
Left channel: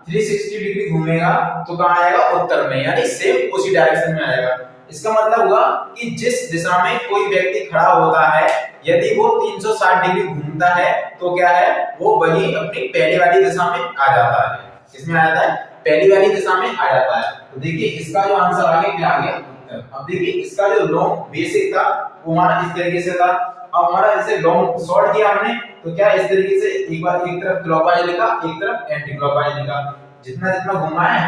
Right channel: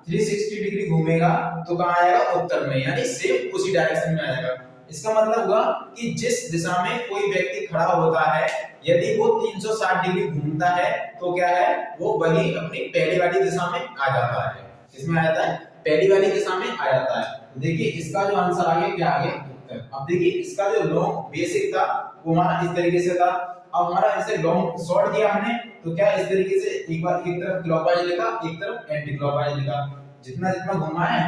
360 डिग्री घूमेगा तो कहां आएगा उत्तर में, यानी सेम उसी डायरेक्शन में आएगा। इसका मतलब हुआ कि जिस दिशा में कोई व्यक्ति खड़ा होता है यदि वो 360 डिग्री घूमता है तो क्या है वो वही अपनी पहली वाली दिशा में आ जाता है, किसमें आ जाता है पहली वाली दिशा में आ जाता है। तो देखिए इसका जो आंसर आ गया क्या आ गया उत्तर। अब देखिए इसका जो लॉन्ग बेसिक था वो हमारा इस तरीके से था, अब हमारा इसे लॉन्ग शॉर्ट किया हमने तो क्या इस तरीके से एक बार एक तरफ क्लॉकवाइज लिखा एक तरफ एंटी क्लॉकवाइज लिखा, जितना जितना घुमा है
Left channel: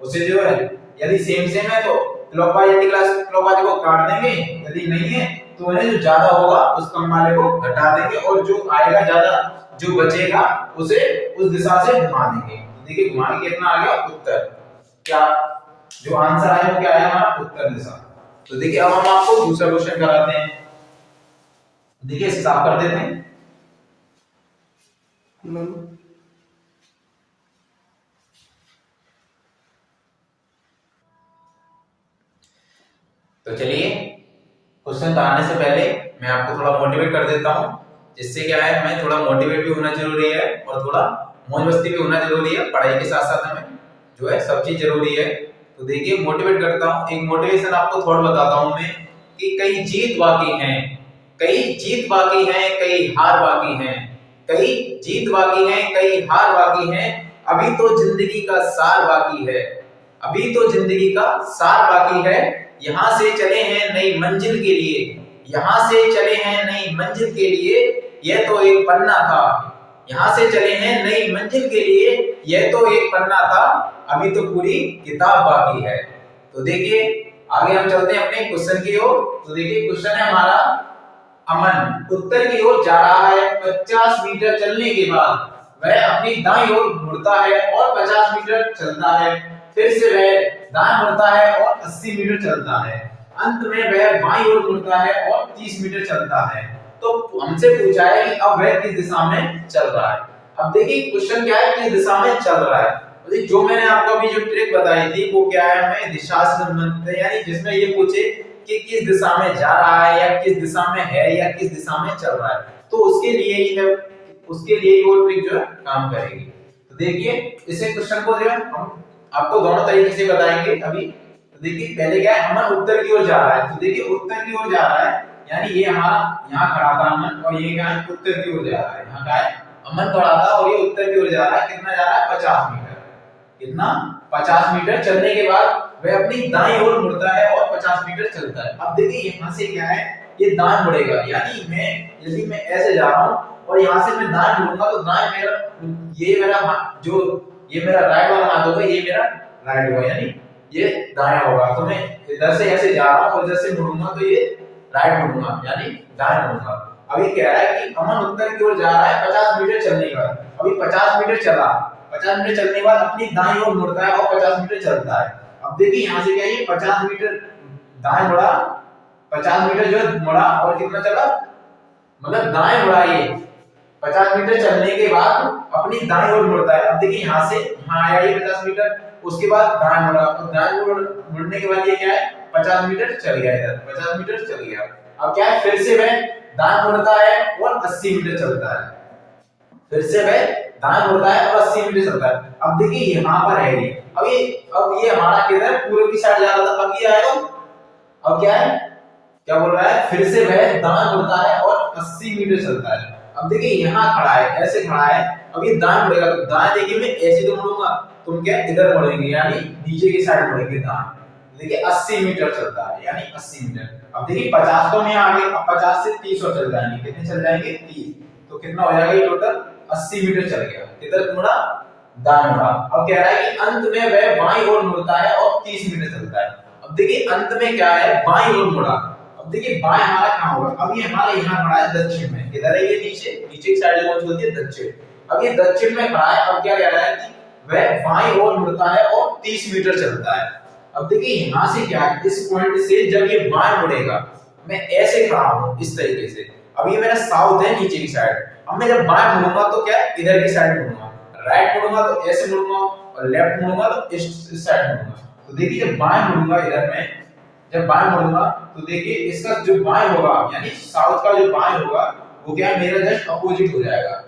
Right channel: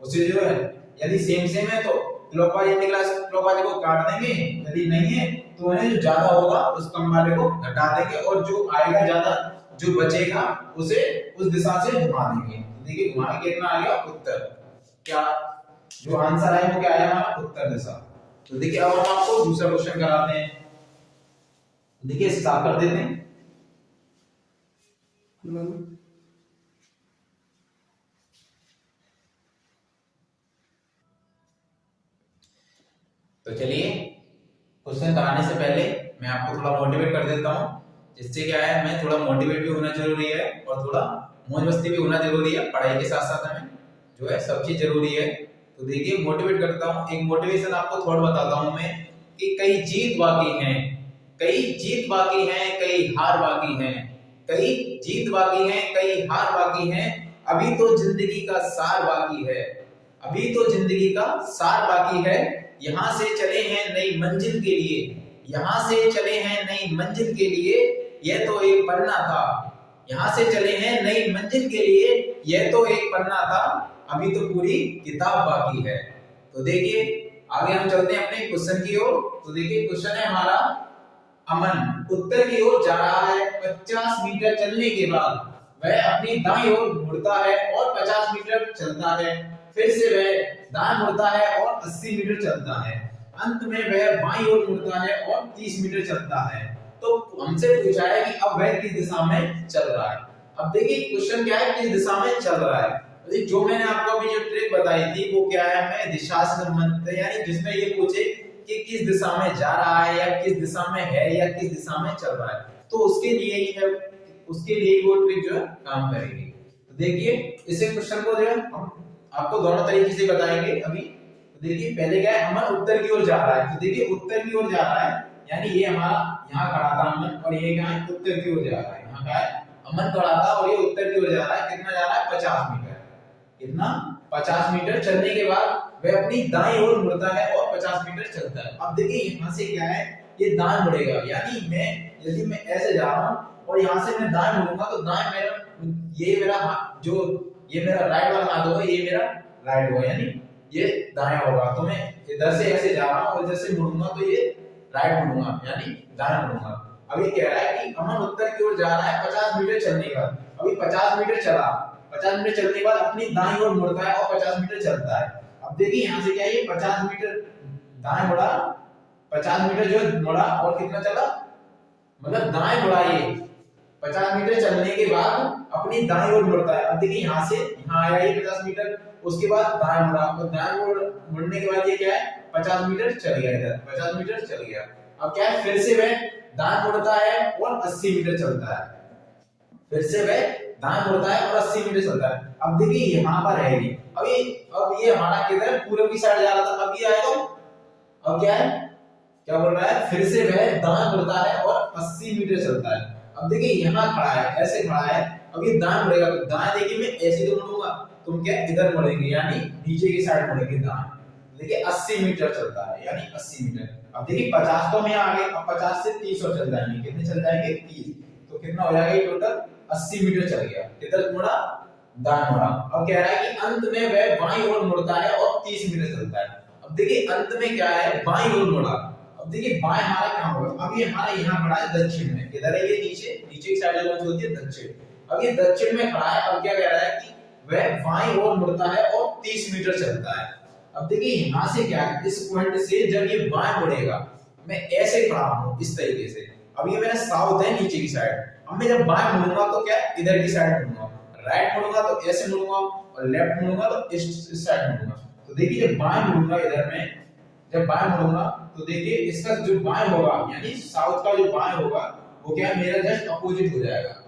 उसे जो है यदि सेम सेम है तो क्लॉकवाइज एंटी क्लॉकवाइज को काट देंगे, यदि नहीं है तो उन्हें जो ज्यादा होगा उस कम वाले को घटा देंगे और जो आएगा ज्यादा जो बचेगा उसे उस दिशा से घुमा देंगे। देखिए घुमा के कितना आ गया उत्तर, क्या जो आंसर आया वो क्या आया हमारा उत्तर दिशा। तो देखिए अब हम आपको दूसरा क्वेश्चन कराते हैं, देखिए इसे साफ कर देते हैं। तो चलिए क्वेश्चन कराने से पहले मैं आपको थोड़ा मोटिवेट कर देता हूं, जिससे क्या है मैं थोड़ा मोटिवेट भी होना जरूरी है और थोड़ा मौज मस्ती भी होना जरूरी है, पढ़ाई के साथ साथ हमें जो है सब चीज जरूरी है। तो देखिए मोटिवेट करता हूं, एक मोटिवेशन आपको थोड़ा बताता हूं मैं कि कई जीत बाकी हैं, कई जीत बाकी हैं, कई हार बाकी हैं, कई जीत बाकी हैं, कई हार बाकी हैं, अभी तो जिंदगी का सार बाकी है, अभी तो जिंदगी का सार बाकी है, यहां से चले हैं नई मंजिल के लिए, यहां से चले हैं नई मंजिल के लिए, यह तो एक पन्ना था, यहां से चले हैं नई मंजिल के लिए, यह तो एक पन्ना था, अभी तो पूरी किताब बाकी है। तो देखिए आगे हम चलते हैं अपने क्वेश्चन की ओर। तो देखिए क्वेश्चन है हमारा, अमन उत्तर की ओर जा रहा है, 50 मीटर चलने के बाद वह अपनी दाईं ओर मुड़ता है और 50 मीटर चलता है, फिर से वह दाएं मुड़ता है और 80 मीटर चलता है, अंत में वह बाईं ओर मुड़ता है और 30 मीटर चलता है। तो हमसे पूछा है कि अब वह किस दिशा में चल रहा है। अब देखिए क्वेश्चन क्या है, किस दिशा में चल रहा है। तो जो मैंने आपको अभी जो ट्रिक बताई थी वो क्या है, हमें दिशा से संबंधित है, यानी जिसमें ये पूछे कि किस दिशा में जा रहा है या किस दिशा में है या किस दिशा में चल रहा है, तो उसके लिए वो ट्रिक जो है काम करेगी। तो देखिए इसे क्वेश्चन को जो है हम आपको दोनों तरीके से बताएंगे अभी। तो देखिए पहले क्या है, अमन उत्तर की ओर जा रहा है, तो देखिए उत्तर की ओर जा रहा है, यानी ये हमारा यहाँ खड़ा था अमन और ये क्या है उत्तर की ओर जा रहा है। यहाँ क्या है अमन खड़ा था और ये उत्तर की ओर जा रहा है। कितना जा रहा है 50 मीटर। कितना 50 मीटर चलने के बाद वह अपनी दाईं ओर मुड़ता है और 50 मीटर चलता है। अब देखिए यहाँ से क्या है, ये दाएं मुड़ेगा, यानी यदि मैं ऐसे जा रहा हूँ और यहाँ से मैं दाएं मुड़ूंगा तो दाएं ये मेरा राइट वाला हाथ होगा, ये मेरा राइट होगा, यानी ये दायां होगा। तो मैं इधर से ऐसे जा रहा हूँ और इधर से मुड़ूंगा तो ये राइट मुड़ूंगा, यानी दाएं मुड़ूंगा। अभी कह रहा है कि अमन उत्तर की ओर जा रहा है 50 मीटर चलने के बाद। अभी 50 मीटर चला, 50 मीटर चलने के बाद अपनी दाईं ओर मुड़ता है और 50 मीटर चलता है। अब देखिए यहाँ से क्या है, 50 मीटर दाएं मुड़ा, 50 मीटर जो है मुड़ा और कितना चला, मतलब दाएं मुड़ा, ये 50 मीटर चलने के बाद अपनी दाईं ओर मुड़ता है। अब देखिए यहाँ से यहाँ आया ये 50 मीटर, उसके बाद दाएं मुड़ा, तो दाएं ओर मुड़ने के बाद ये क्या है 50 मीटर चल गया, इधर 50 मीटर चल गया। अब क्या है, फिर से वह दाएं मुड़ता है और 80 मीटर चलता है। फिर से वह दाएं मुड़ता है और 80 मीटर चलता है। अब देखिए यहाँ पर है ये, अब ये हमारा किधर पूर्व की साइड जा रहा था, अब ये आएगा, अब क्या है, क्या बोल रहा है, फिर से वह दाएं मुड़ता है और 80 मीटर चलता है। अब देखिए यहाँ खड़ा है, ऐसे खड़ा है, अब ये दाएं मुड़ेगा, तो दाएं देखिए मैं ऐसे तो मुड़ूंगा, तुम क्या इधर मुड़ेंगे, यानी नीचे की साइड मुड़ेंगे दाएं। देखिए 80 मीटर चलता है, यानी 80 मीटर। अब देखिए 50 तो नहीं आगे, अब 50 से 30 और चल जाएंगे, कितने चल जाएंगे 30, तो कितना हो जाएगा ये टोटल 80 मीटर चल गया। किधर मुड़ा, दाएं मुड़ा। अब कह रहा है कि अंत में वह बाईं ओर मुड़ता है और 30 मीटर चलता है। अब देखिए अंत में क्या है, बाईं ओर मुड़ा। अब देखिए बाएं हमारा कहां होगा, अब ये हमारे यहाँ खड़ा है दक्षिण में, किधर है ये, नीचे की साइड जो होती है दक्षिण। अब ये दक्षिण में खड़ा है, अब क्या कह रहा है कि वह बाईं ओर मुड़ता है और 30 मीटर चलता है। अब देखिए यहाँ से क्या है, इस पॉइंट से जब ये बाएं मुड़ेगा, मैं ऐसे खड़ा हूं इस तरीके से, अब ये मेरा साउथ है नीचे की साइड, अब मैं जब बाएं मुड़ूंगा तो क्या इधर की साइड मुड़ूंगा, राइट मुड़ूंगा तो ऐसे मुड़ूंगा और लेफ्ट मुड़ूंगा तो इस साइड मुड़ूंगा। तो देखिए जब बाएं मुड़ूंगा इधर में, जब बाएं मुड़ूंगा तो देखिए इसका जो बाएं होगा, यानी साउथ का जो बाएं होगा वो क्या है, मेरा जस्ट अपोजिट हो जाएगा,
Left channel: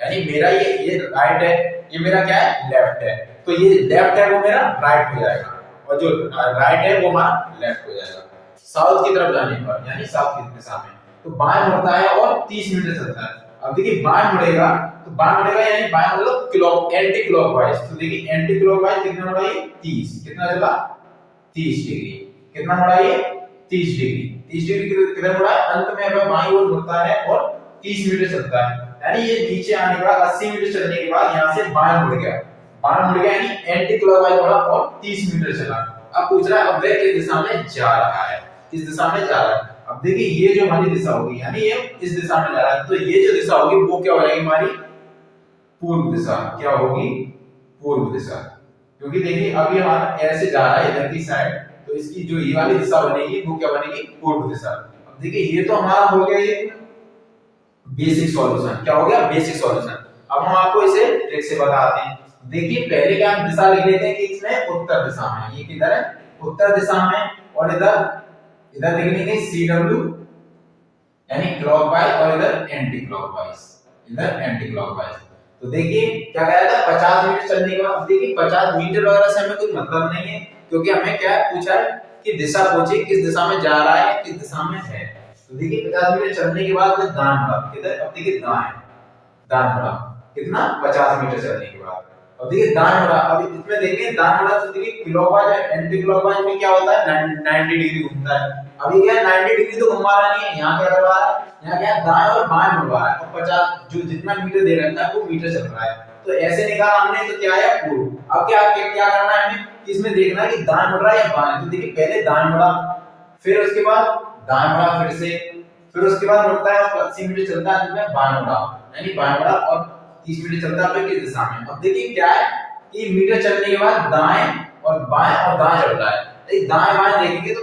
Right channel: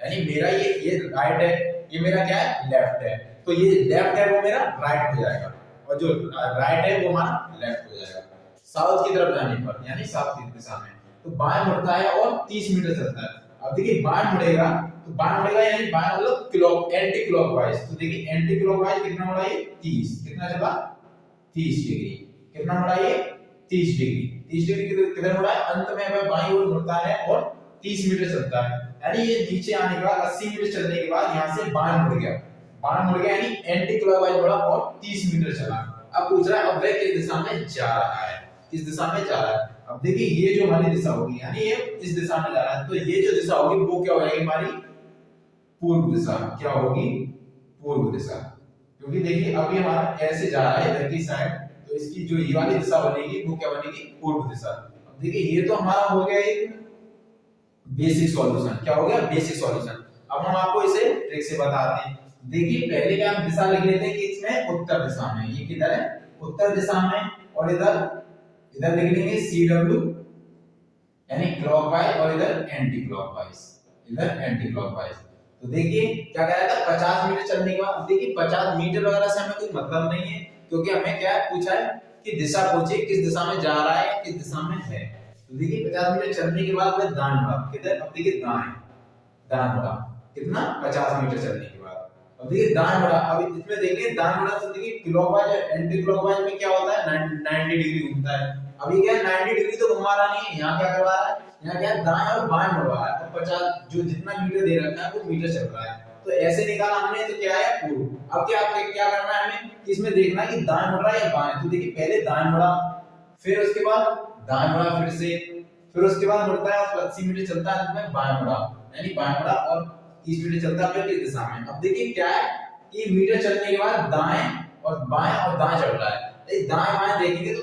यानी मेरा ये राइट है, ये मेरा क्या है लेफ्ट है, तो ये लेफ्ट है वो मेरा राइट हो जाएगा और जो राइट है वो हमारा लेफ्ट हो जाएगा साउथ की तरफ जाने पर, यानी साउथ की दिशा में। तो बाएं मुड़ता है और 30 मीटर चलता है। अब देखिए बाएं मुड़ेगा, तो बाएं मुड़ेगा यानी बाएं मतलब एंटी क्लॉकवाइज, तो देखिए एंटी क्लॉकवाइज कितना मुड़ा ये 30, कितना चला 30 डिग्री, कितना मुड़ा ये 30 डिग्री, 30 डिग्री किधर मुड़ा है, अंत में अब बाईं ओर मुड़ता है और 30 मीटर चलता है, यानी ये नीचे आने के बाद 80 मीटर चलने के बाद यहाँ से बाएं मुड़ गया, बाएं मुड़ गया यानी एंटी क्लॉकवाइज मुड़ा और 30 मीटर चला। अब पूछ रहा है अब वह किस दिशा में जा रहा है, किस दिशा में जा रहा है। अब देखिए ये जो हमारी दिशा होगी, यानी ये इस दिशा में जा रहा है, तो ये जो दिशा होगी वो क्या हो जाएगी हमारी पूर्व दिशा, क्या होगी पूर्व दिशा, क्योंकि देखिए अभी हमारा ऐसे जा रहा है इधर की साइड, तो इसकी जो ये वाली दिशा बनेगी वो क्या बनेगी पूर्व दिशा। अब देखिए ये तो हमारा हो गया एक बेसिक सॉल्यूशन, क्या हो गया बेसिक सॉल्यूशन। अब हम आपको इसे ट्रिक से बताते हैं। देखिए पहले क्या हम दिशा लिख लेते हैं कि इसमें उत्तर दिशा में, ये किधर है उत्तर दिशा में, और इधर लिख लेंगे CW यानी क्लॉकवाइज और इधर एंटी क्लॉकवाइज, इधर एंटी क्लॉकवाइज। तो देखिए क्या कह रहा था 50 मीटर चलने के बाद, देखिए 50 मीटर वगैरह से हमें कोई मतलब नहीं है, क्योंकि हमें क्या पूछा है कि दिशा पूछे किस दिशा में जा रहा है किस दिशा में है। तो देखिए 50 मीटर चलने के बाद मैं दाएं मुड़ा, किधर, अब देखिए दाएं मुड़ा कितना 50 मीटर चलने के बाद, अब देखिए दाएं मुड़ा, अब इसमें देखिए दाएं मुड़ा तो देखिए क्लॉकवाइज और एंटी क्लॉकवाइज में क्या होता है 90 डिग्री घूमता है। अब ये क्या है 90 डिग्री तो घुमा रहा नहीं है, यहाँ क्या कर रहा है, यहाँ क्या दाएं और बाएं मुड़ रहा है, और 50 जो जितना मीटर दे रखा है वो मीटर चल रहा है, तो ऐसे निकाला हमने, तो क्या है पूर्व। अब क्या करना है हमें, इसमें देखना है कि दाएं मुड़ रहा है या बाएं, तो देखिए पहले दाएं मुड़ा, फिर उसके बाद दाएं मुड़ा, फिर उसके बाद मुड़ता है और 80 मीटर चलता है, जिसमें बाएं मुड़ा, यानी बाएं मुड़ा और 30 मीटर चलता है अपने किस दिशा में। अब देखिए क्या है कि मीटर चलने के बाद दाएं और दाएं चल रहा है, दाएं बाएं देखेंगे तो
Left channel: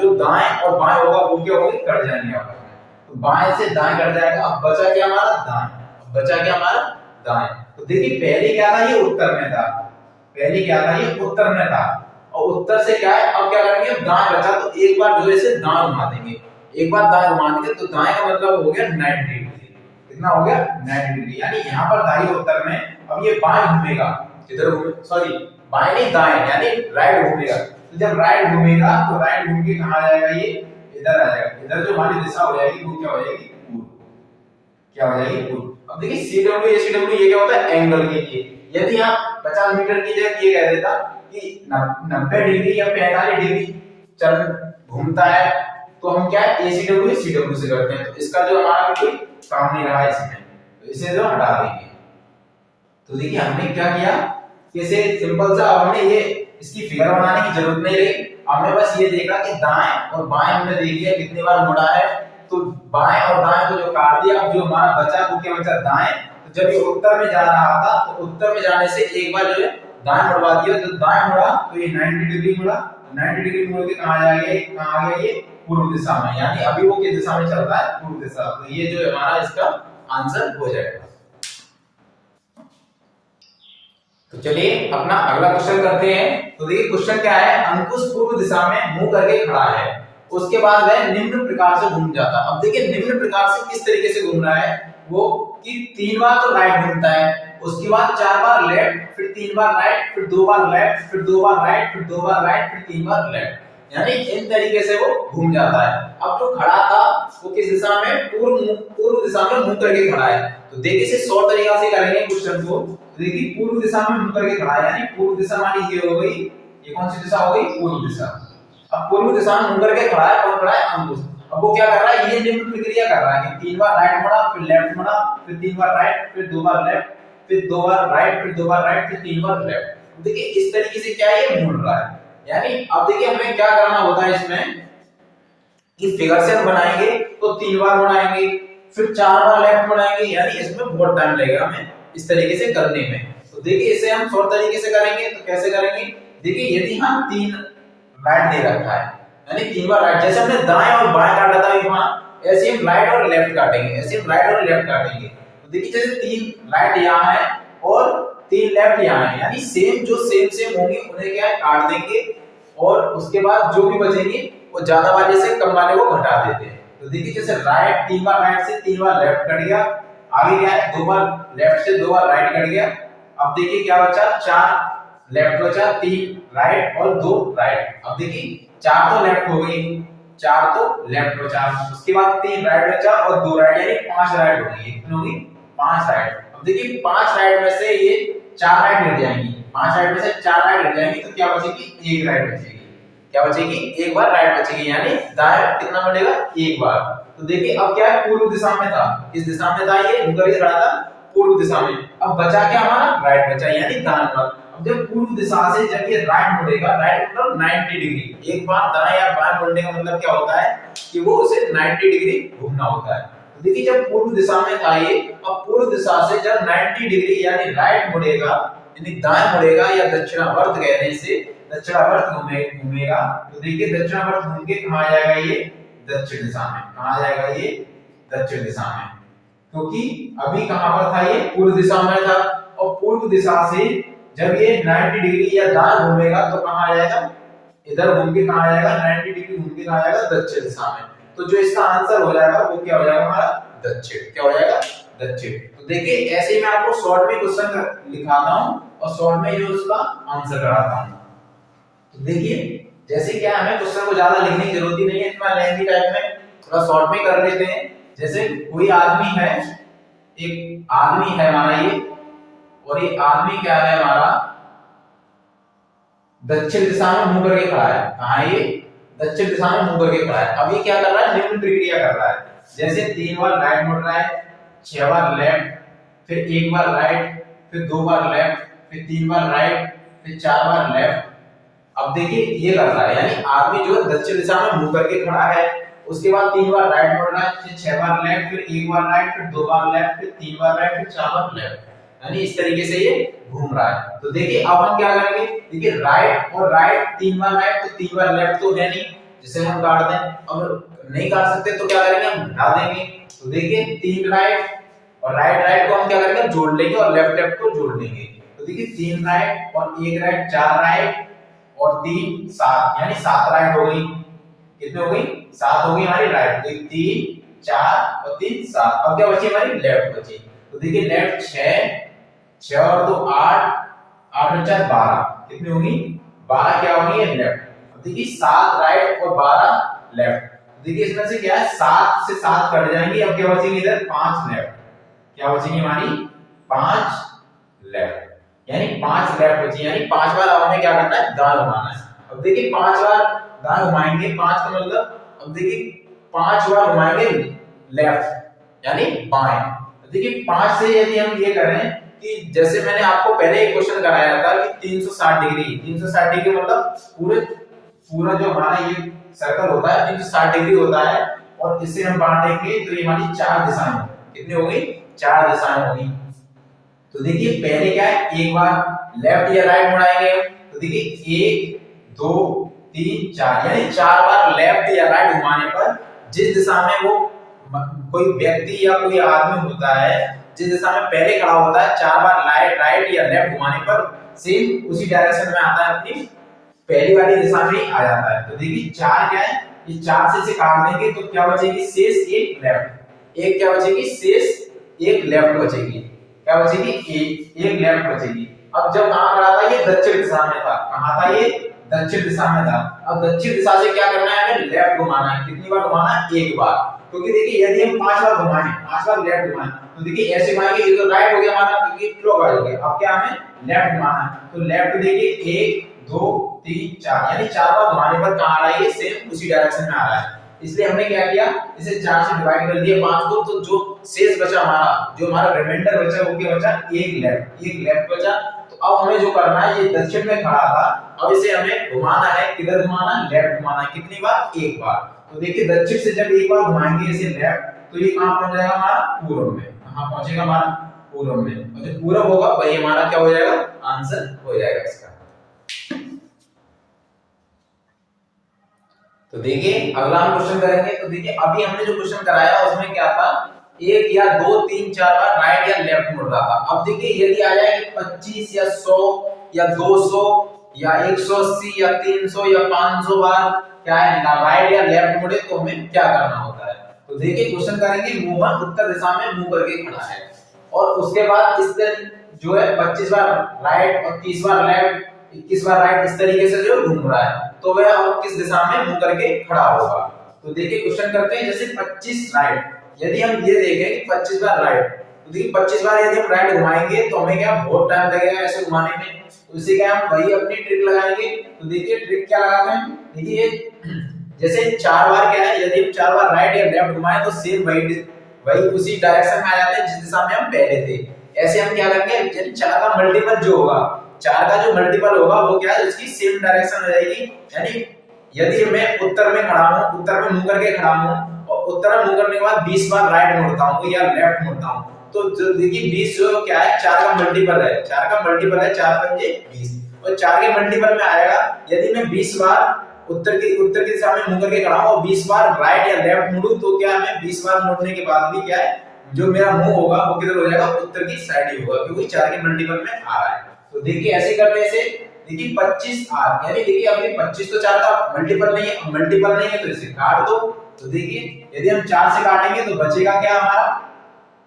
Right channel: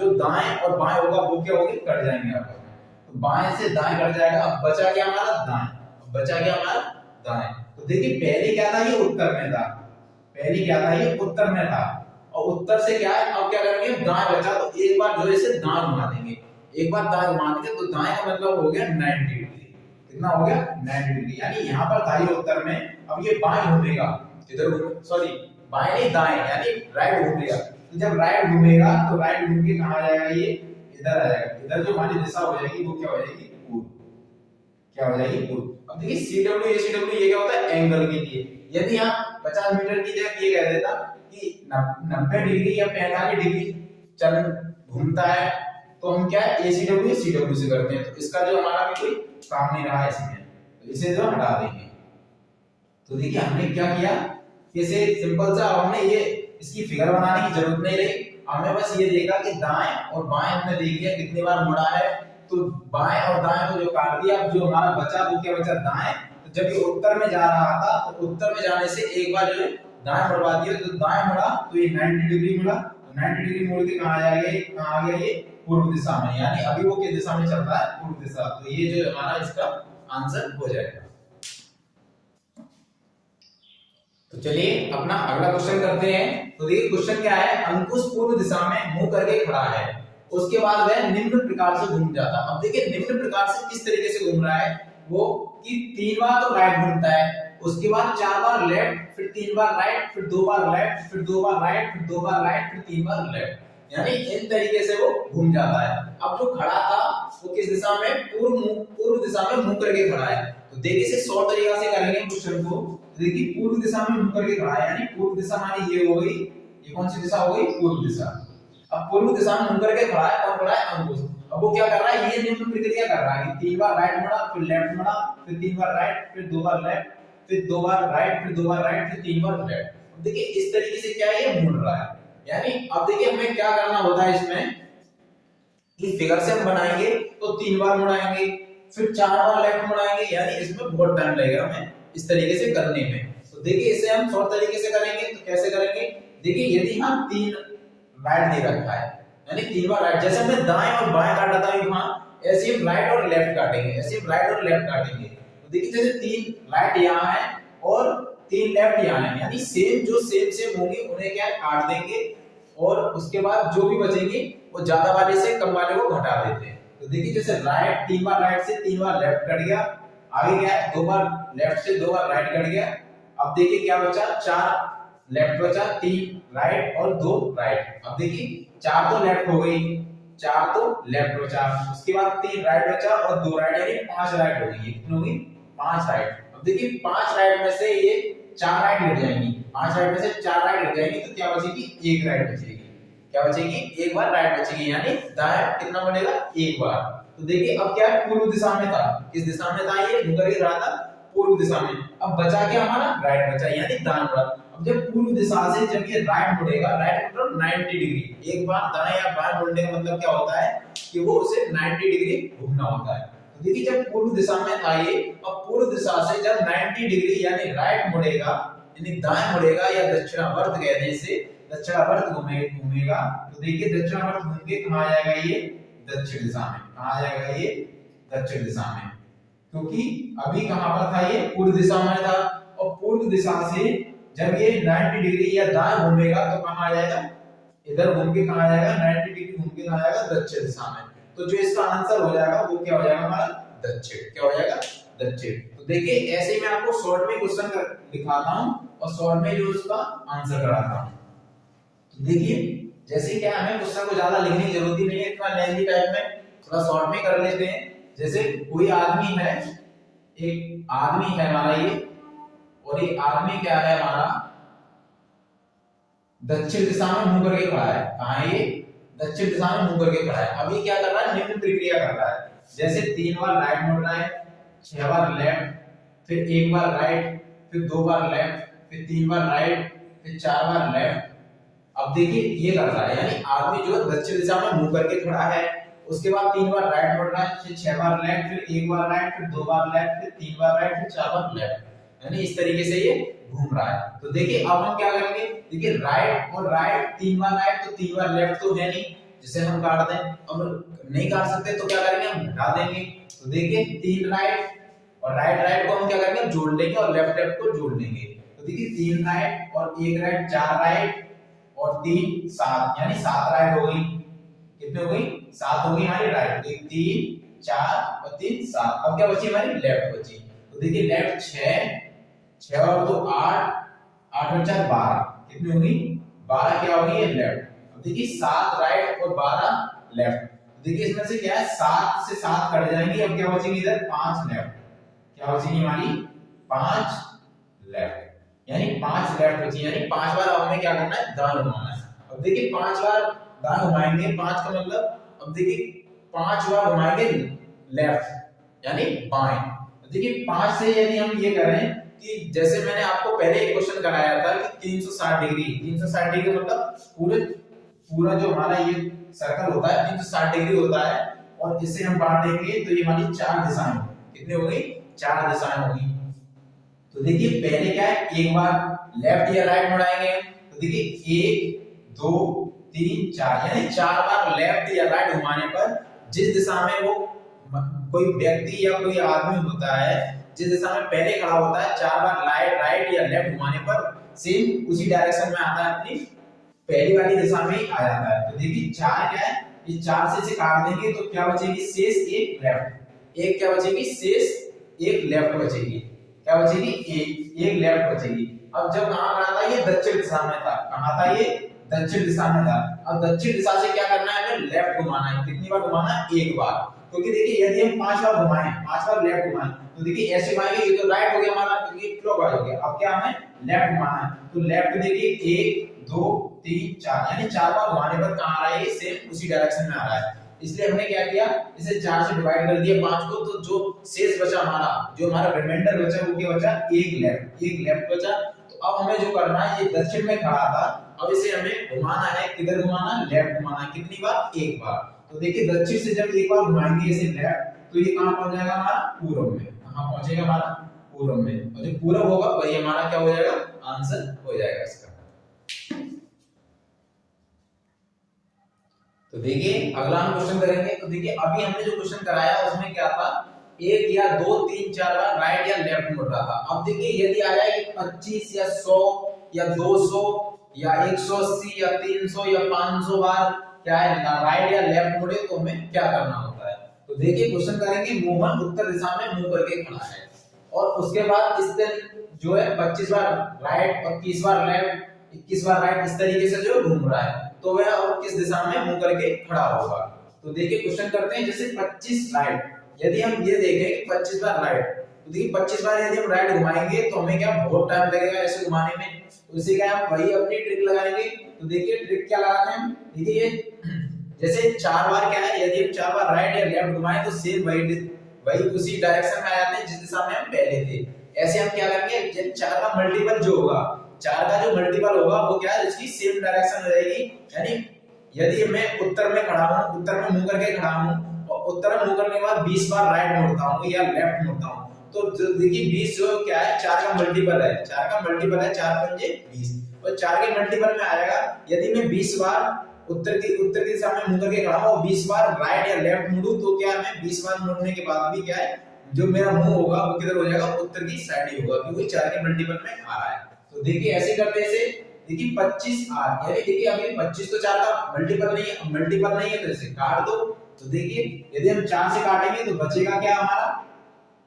जो दाएं और बाएं होगा वो क्या होगी कट जाएंगे आपस में, तो बाएं से दाएं कट जाएगा। अब बचा क्या हमारा दाएं, बचा क्या हमारा दाएं। तो देखिए पहले क्या था ये उत्तर में था, पहले क्या था ये उत्तर में था, और उत्तर से क्या है, अब क्या करेंगे, दाएं बचा तो एक बार जो है इसे दाएं घुमा देंगे, एक बार दाएं घुमा देंगे तो दाएं का मतलब हो गया 90 डिग्री। कितना हो गया 90 डिग्री, यानी यहाँ पर दाएं उत्तर में अब ये बाएं घूमेगा, इधर घूमे, सॉरी बाएं नहीं दाएं, यानी राइट घूमेगा। तो जब राइट घूमेगा तो राइट घूम के कहां जाएगा, ये इधर आ जाएगा, इधर जो हमारी दिशा हो जाएगी वो क्या हो जाएगी, पूर्व, क्या हो जाएगी पूर्व। अब देखिए CW ये क्या होता है, एंगल के लिए। यदि आप 50 मीटर की जगह ये कह देता कि 90 डिग्री या 45 डिग्री चल घूमता है, तो हम क्या है ACW CW से करते हैं, तो इसका जो हमारा भी कोई काम नहीं रहा इसमें, तो इसे जो हटा देंगे। तो देखिए हमने क्या किया, इसे सिंपल सा हमने ये इसकी फिगर बनाने की जरूरत नहीं रही, हमने बस ये देखा कि दाएं और बाएं हमने देख लिया कितनी बार मुड़ा है, तो बाएं और दाएं को जो काट दिया, अब जो हमारा बचा वो क्या बचा, दाएं। तो जब ये उत्तर में जा रहा था तो उत्तर में जाने से एक बार जो है दाएं मुड़वा दिया, तो दाएं मुड़ा तो ये 90 डिग्री मुड़ा, 90 डिग्री मुड़ के कहां जाएगा, कहां आ गया ये पूर्व दिशा में, यानी अभी वो किस दिशा में चल रहा है, पूर्व दिशा। तो ये जो हमारा इसका आंसर हो जाएगा। तो चलिए अपना अगला क्वेश्चन करते हैं। तो देखिए क्वेश्चन क्या है, अंकुश पूर्व दिशा में मुंह करके खड़ा है, उसके बाद वह निम्न प्रकार से घूम जाता। अब देखिए निम्न प्रकार से किस तरीके से घूम रहा है वो, कि 3 बार तो राइट घूमता है, उसके बाद 4 बार लेफ्ट, फिर 3 बार राइट, फिर 2 बार लेफ्ट, फिर 2 बार राइट, फिर 2 बार राइट, फिर 3 बार लेफ्ट, यानी इन तरीके से वो घूम जाता है। अब जो खड़ा था वो किस दिशा में, पूर्व दिशा में मुंह करके खड़ा है। तो देखिए इसे शॉर्ट तरीका से करेंगे क्वेश्चन को। देखिए पूर्व दिशा में मुंह करके खड़ा है, यानी पूर्व दिशा मानी ये हो गई, ये कौन सी दिशा हो गई, पूर्व दिशा। अब पूर्व दिशा में मुंह करके खड़ा है, कौन खड़ा है, अंकुश। अब वो क्या कर रहा है, ये निम्न प्रक्रिया कर रहा है कि 3 बार राइट मुड़ा, फिर लेफ्ट मुड़ा, फिर 3 बार राइट, फिर 2 बार लेफ्ट, फिर 2 बार राइट, फिर 2 बार राइट, फिर 3 बार लेफ्ट। देखिए इस तरीके से क्या है, ये मुड़ रहा है। यानी अब देखिए हमें क्या करना होता है इसमें, कि फिगर से हम बनाएंगे तो 3 बार मुड़ाएंगे, फिर 4 बार लेफ्ट मुड़ाएंगे, यानी इसमें बहुत टाइम लगेगा हमें इस तरीके से करने में। तो देखिए इसे हम शॉर्ट तरीके से करेंगे, तो कैसे करेंगे, देखिए यदि हम 3 राइट दे रखा है, यानी 3 बार राइट, जैसे हमने दाएं और बाएं काटा था वहां, ऐसे हम राइट और लेफ्ट काटेंगे, ऐसे हम राइट और लेफ्ट काटेंगे। तो देखिए जैसे 3 राइट यहां है और 3 लेफ्ट यहां है, यानी सेम जो सेम होंगे उन्हें क्या है काट देंगे, और उसके बाद जो भी बचेंगे वो ज्यादा वाले से कम वाले को घटा देते हैं। तो देखिए जैसे राइट 3 बार राइट से 3 बार लेफ्ट कट गया, आगे क्या है 2 बार लेफ्ट से 2 बार राइट कट गया। अब देखिए क्या बचा, 4 लेफ्ट बचा, 3 राइट और 2 राइट। अब देखिए 4 तो लेफ्ट हो गई, 4 तो लेफ्ट बचा, उसके बाद 3 राइट बचा और 2 राइट, यानी 5 राइट हो गई, कितनी होगी 5 राइट। अब देखिए 5 राइट में से ये 4 राइट हट जाएंगी, 5 राइट में से 4 राइट हट जाएंगी, तो क्या बचेगी, 1 राइट बचेगी। क्या बचेगी, 1 बार राइट बचेगी, यानी दाएं कितना बढ़ेगा, 1 बार। तो देखिए अब क्या है, पूर्व दिशा में था, किस दिशा में था ये, मुंह करके खड़ा था, पूर्व दिशा में। अब बचा क्या हमारा, राइट बचा, यानी दाएं बार। अब जब पूर्व दिशा से जब ये राइट मुड़ेगा, राइट मतलब 90 डिग्री, एक बार दाएं या बाएं मुड़ने का मतलब क्या होता है कि वो उसे 90 डिग्री घूमना होता है। तो देखिए जब पूर्व दिशा में था ये, अब पूर्व दिशा से जब 90 डिग्री यानी राइट मुड़ेगा, यानी दाएं मुड़ेगा, या दक्षिणावर्त कहने से दक्षिणावर्त घूमेगा, तो देखिए दक्षिणावर्त घूम के कहां आ जाएगा, ये दक्षिण दिशा में। कहां आ जाएगा, ये दक्षिण दिशा में, क्योंकि अभी कहां पर था, ये पूर्व दिशा में था, और पूर्व दिशा से जब ये 90 डिग्री या दाएं घूमेगा तो कहां आ जाएगा, इधर घूम के कहां आ जाएगा, 90 डिग्री घूम के कहां आ जाएगा, दक्षिण दिशा में। तो जो इसका आंसर हो जाएगा वो क्या हो जाएगा हमारा, दक्षिण। क्या हो जाएगा, दक्षिण। तो देखिए ऐसे ही मैं आपको शॉर्ट में क्वेश्चन लिखाता हूं और शॉर्ट में जो उसका आंसर कराता हूं। तो देखिए जैसे क्या हमें क्वेश्चन को ज्यादा लिखने की जरूरत ही नहीं है, इतना लेंथी टाइप में, थोड़ा शॉर्ट में कर लेते हैं। जैसे कोई आदमी है, एक आदमी है हमारा ये, और ये आदमी क्या है हमारा, दक्षिण दिशा में मुंह करके खड़ा है। कहां ये, दक्षिण दिशा में मुंह करके खड़ा है। अभी क्या कर रहा है, निम्न प्रक्रिया कर रहा है, जैसे 3 बार राइट मुड़ रहा है, 6 बार लेफ्ट, फिर 1 बार राइट, फिर 2 बार लेफ्ट, फिर 3 बार राइट, फिर 4 बार लेफ्ट। अब देखिए ये कर रहा है, यानी आदमी जो दक्षिण दिशा में मुंह करके खड़ा है, उसके बाद 3 बार राइट मुड़ रहा है, फिर 6 बार लेफ्ट, फिर 1 बार राइट, फिर 2 बार लेफ्ट, फिर 3 बार राइट, फिर 4 बार लेफ्ट, यानी इस तरीके से ये घूम रहा है। तो देखिए अब हम क्या करेंगे, देखिए राइट और राइट 3 बार राइट तो 3 बार लेफ्ट तो है नहीं, जिसे हम काट दें। अब नहीं काट सकते तो क्या करेंगे, हम हटा देंगे। तो देखिए 3 राइट और राइट को हम क्या करेंगे, जोड़ लेंगे, और लेफ्ट को जोड़ लेंगे। तो देखिए 3 राइट और 1 राइट, 4 राइट और 3 7, यानी 7 राइट हो गई। कितनी हो गई? 7 हो गई हमारी राइट। तो 3 4 और 3 7। अब क्या बची हमारी? लेफ्ट बची। तो देखिए लेफ्ट 6 और 2 8, 8 और 4 12। कितनी होगी? 12 क्या होगी? ये लेफ्ट। अब देखिए 7 राइट और 12 लेफ्ट। देखिए इसमें से क्या है, 7 से 7 कट जाएंगे। अब क्या बचेंगे? इधर 5 लेफ्ट। क्या बचेंगी हमारी? 5 लेफ्ट, यानी 5 लेफ्ट बची। यानी 5 बार हमें क्या करना है? दाएं घुमाना है। अब देखिए 5 बार दाएं घुमाएंगे, 5 का मतलब, अब देखिए 5 बार घुमाएंगे लेफ्ट यानी बाएं। देखिए 5 से यदि हम ये करें कि जैसे मैंने आपको पहले एक क्वेश्चन कराया था कि 360 डिग्री, 360 डिग्री मतलब पूरा जो हमारा ये सर्कल होता है 360 डिग्री होता है, और इसे हम बांटेंगे तो ये हमारी 4 दिशाएं होंगी। कितनी होगी? 4 दिशाएं होंगी। तो देखिए पहले क्या है, एक बार लेफ्ट या राइट मुड़ाएंगे। तो देखिए 1 2 3 4, यानी 4 बार लेफ्ट या राइट घुमाने पर जिस दिशा में वो कोई व्यक्ति या कोई आदमी होता है, जिस दिशा में पहले खड़ा होता है, 4 बार राइट या लेफ्ट घुमाने पर सेम उसी डायरेक्शन में आता है, अपनी पहली वाली दिशा में ही आ जाता है। तो देखिए 4 क्या है, ये 4 से काट देंगे तो क्या बचेगी? शेष एक लेफ्ट। एक क्या बचेगी? शेष एक लेफ्ट बचेगी। क्या बचेगी? एक लेफ्ट बचेगी। अब जब कहां खड़ा था? ये दक्षिण दिशा में था। कहां था ये? दक्षिण दिशा में था। अब दक्षिण दिशा से क्या करना है? हमें लेफ्ट घुमाना है। कितनी बार घुमाना है? एक बार। क्योंकि देखिए यदि हम 5 बार घुमाएं, 5 बार लेफ्ट घुमाएं, तो देखिए ऐसे घुमाएंगे, ये तो राइट हो गया हमारा, क्योंकि क्लॉकवाइज हो गया। अब क्या हमें लेफ्ट घुमाना है। तो लेफ्ट देखिए 1 2 3 4, यानी 4 बार घुमाने पर कहां आ रहा है? ये सेम उसी डायरेक्शन में आ रहा है। इसलिए हमने क्या किया, इसे 4 से डिवाइड कर दिया 5 को। तो जो शेष बचा हमारा, जो हमारा रिमाइंडर बचा, वो क्या बचा? एक लेफ्ट बचा। तो अब हमें जो करना है, ये दक्षिण में खड़ा था, अब इसे हमें घुमाना है। किधर घुमाना है? लेफ्ट घुमाना है। कितनी बार? एक बार। तो देखिए दक्षिण से जब एक बार घुमाएंगे इसे लेफ्ट, तो ये कहां पहुंच जाएगा? हमारा पूर्व में। कहां पहुंचेगा? हमारा पूर्व में। और जो पूर्व होगा वही हमारा क्या हो जाएगा? आंसर हो जाएगा इसका। तो देखिए अगला हम क्वेश्चन करेंगे। तो देखिए अभी हमने जो क्वेश्चन कराया उसमें क्या था, 1 या 2 3 4 बार राइट या लेफ्ट मुड़ रहा था। अब देखिए यदि आ जाए कि 25 या 100 या 200 या 180 या 300 या 500 बार क्या है ना राइट या लेफ्ट मुड़े, तो हमें क्या करना होता है। तो देखिए क्वेश्चन करेंगे, मोहन उत्तर दिशा में मुंह करके खड़ा है, और उसके बाद इस जो है 25 बार राइट और 30 बार लेफ्ट, 21 बार राइट, इस तरीके से जो घूम रहा है, तो वह अब किस दिशा में मुंह करके खड़ा होगा। तो देखिए क्वेश्चन करते हैं, जैसे 25 राइट, यदि हम ये देखें कि 25 बार राइट, तो देखिए 25 बार यदि हम राइट घुमाएंगे तो हमें क्या बहुत टाइम लगेगा ऐसे घुमाने में। तो इसे क्या हम वही अपनी ट्रिक लगाएंगे। तो देखिए ट्रिक क्या लगाते हैं, देखिए ये जैसे 4 बार क्या है, यदि हम 4 बार राइट या लेफ्ट घुमाएं तो सेम वही उसी डायरेक्शन में आ जाते हैं जिस दिशा में हम पहले थे। ऐसे हम क्या करेंगे, यदि 4 का मल्टीपल जो होगा, 4 का जो मल्टीपल होगा वो क्या है, उसकी सेम डायरेक्शन हो जाएगी। यानी यदि मैं उत्तर में खड़ा हूं, उत्तर में मुंह करके खड़ा हूं, और उत्तर में मुंह करने के बाद 20 बार राइट मुड़ता हूं या लेफ्ट मुड़ता हूं, तो देखिए 20 जो क्या है 4 का मल्टीपल है, 4 का मल्टीपल है 4 पंजे 20, और 4 के मल्टीपल में आएगा। यदि मैं 20 बार उत्तर की दिशा में मुंह करके खड़ा हूं और 20 बार राइट या लेफ्ट मुड़ूं, तो क्या मैं 20 बार मुड़ने के बाद भी क्या है, जो मेरा मुंह होगा वो किधर हो जाएगा, उत्तर की साइड ही होगा, क्योंकि 4 के मल्टीपल में आ रहा है। तो देखिए ऐसे करते हैं इसे, देखिए 25 आर, यानी देखिए अब ये 25 तो 4 का मल्टीपल नहीं है, मल्टीपल नहीं है तो इसे काट दो। तो देखिए यदि हम 4 से काटेंगे तो बचेगा क्या हमारा,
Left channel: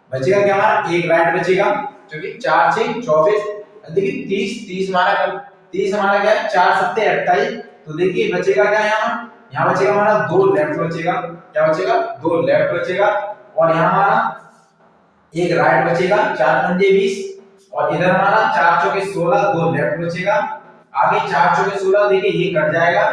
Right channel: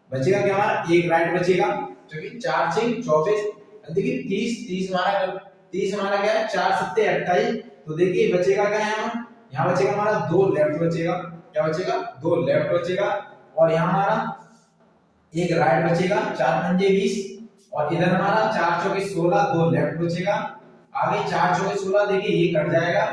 बचेगा क्या हमारा, एक राइट बचेगा, क्योंकि 4 से 24। देखिए 30 हमारा 30 हमारा क्या है 4 7 28। तो देखिए बचेगा क्या, यहाँ बचेगा हमारा 2 लेफ्ट बचेगा। क्या बचेगा, 2 लेफ्ट बचेगा, और यहाँ हमारा एक राइट बचेगा, 4 पंजे 20, और इधर हमारा 4 चौके 16, 2 लेफ्ट बचेगा। आगे 4 चौके 16, देखिए ये कट जाएगा,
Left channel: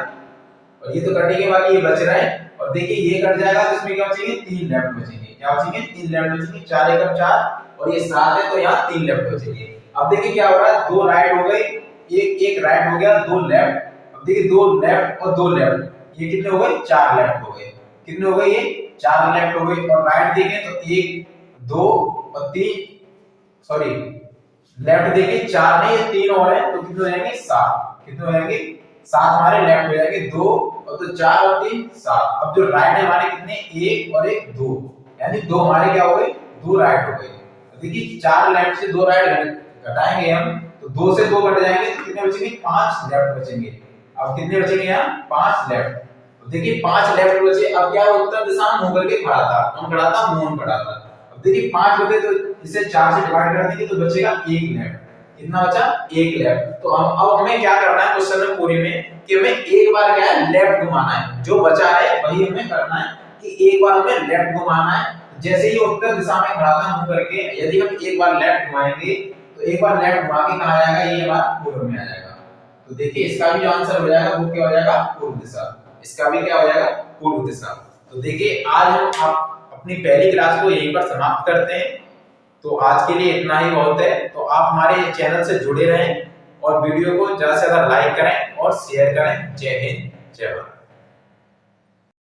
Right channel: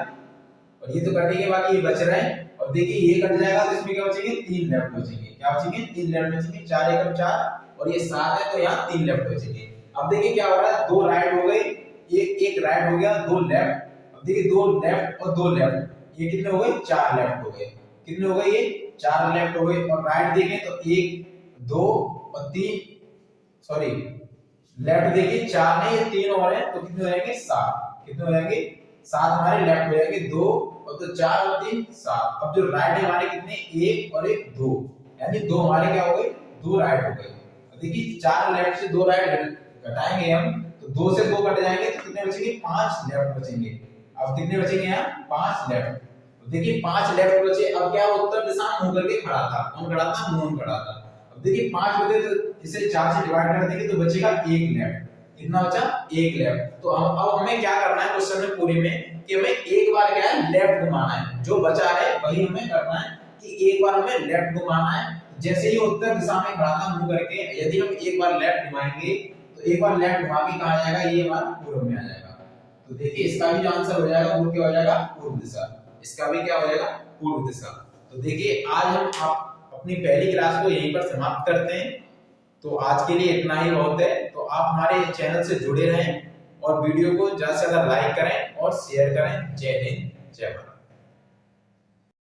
और ये तो कटेंगे, बाकी ये बच रहा है, और देखिए ये कट जाएगा, तो इसमें क्या बचेंगे, 3 लेफ्ट बचेंगे। क्या बचेंगे, 3 लेफ्ट बचेंगे। 4 एकम 4, और ये 7 है, तो यहाँ 3 लेफ्ट बचेंगे। अब देखिए क्या हो रहा है, 2 राइट हो गए, एक राइट हो गया, 2 लेफ्ट। अब देखिए 2 लेफ्ट और 2 लेफ्ट, ये कितने हो गए, 4 लेफ्ट हो गए। कितने हो गए, ये 4 लेफ्ट हो गए। और राइट देखें तो 1 2 और 3, सॉरी लेफ्ट देखिए 4 नहीं, ये 3 और है, तो कितने हो जाएंगे, 7। कितने हो जाएंगे, 7 हमारे लेफ्ट हो जाएंगे, 2 और तो 4 और 3 7। अब जो राइट है हमारे कितने, 1 और 1 2, यानी 2 हमारे क्या हो गए, 2 राइट हो गए। तो देखिए 4 लेफ्ट से 2 राइट घटाएंगे हम, तो 2 से 2 कट जाएंगे, तो कितने बचेंगे, 5 लेफ्ट बचेंगे। अब कितने बचेंगे यहाँ 5 लेफ्ट। तो देखिए 5 लेफ्ट बचे। अब क्या उत्तर दिशा में मुंह करके खड़ा था, कौन खड़ा था, मोहन खड़ा था। अब देखिए 5 बचे तो इसे 4 से डिवाइड कर देंगे तो बचेगा 1 लेफ्ट। कितना बचा 1 लेफ्ट। तो हम अब हमें क्या करना है क्वेश्चन में पूरे में कि हमें एक बार क्या है लेफ्ट घुमाना है, जो बचा है वही हमें करना है कि एक बार हमें लेफ्ट घुमाना है। जैसे ही उत्तर दिशा में खड़ा था मुंह करके, यदि हम एक बार लेफ्ट घुमाएंगे तो एक बार लेफ्ट घुमा के कहां जाएगा, ये हमारा पूर्व में आ जाएगा। तो देखिए इसका भी जो आंसर हो जाएगा वो क्या हो जाएगा, पूर्व दिशा। इसका भी क्या हो जाएगा, पूर्व दिशा। तो देखिए आज हम अपनी पहली क्लास को यहीं पर समाप्त करते हैं। तो आज के लिए इतना ही बहुत है। तो आप हमारे चैनल से जुड़े रहें और वीडियो को ज्यादा से ज्यादा लाइक करें और शेयर करें। जय हिंद, जय भारत।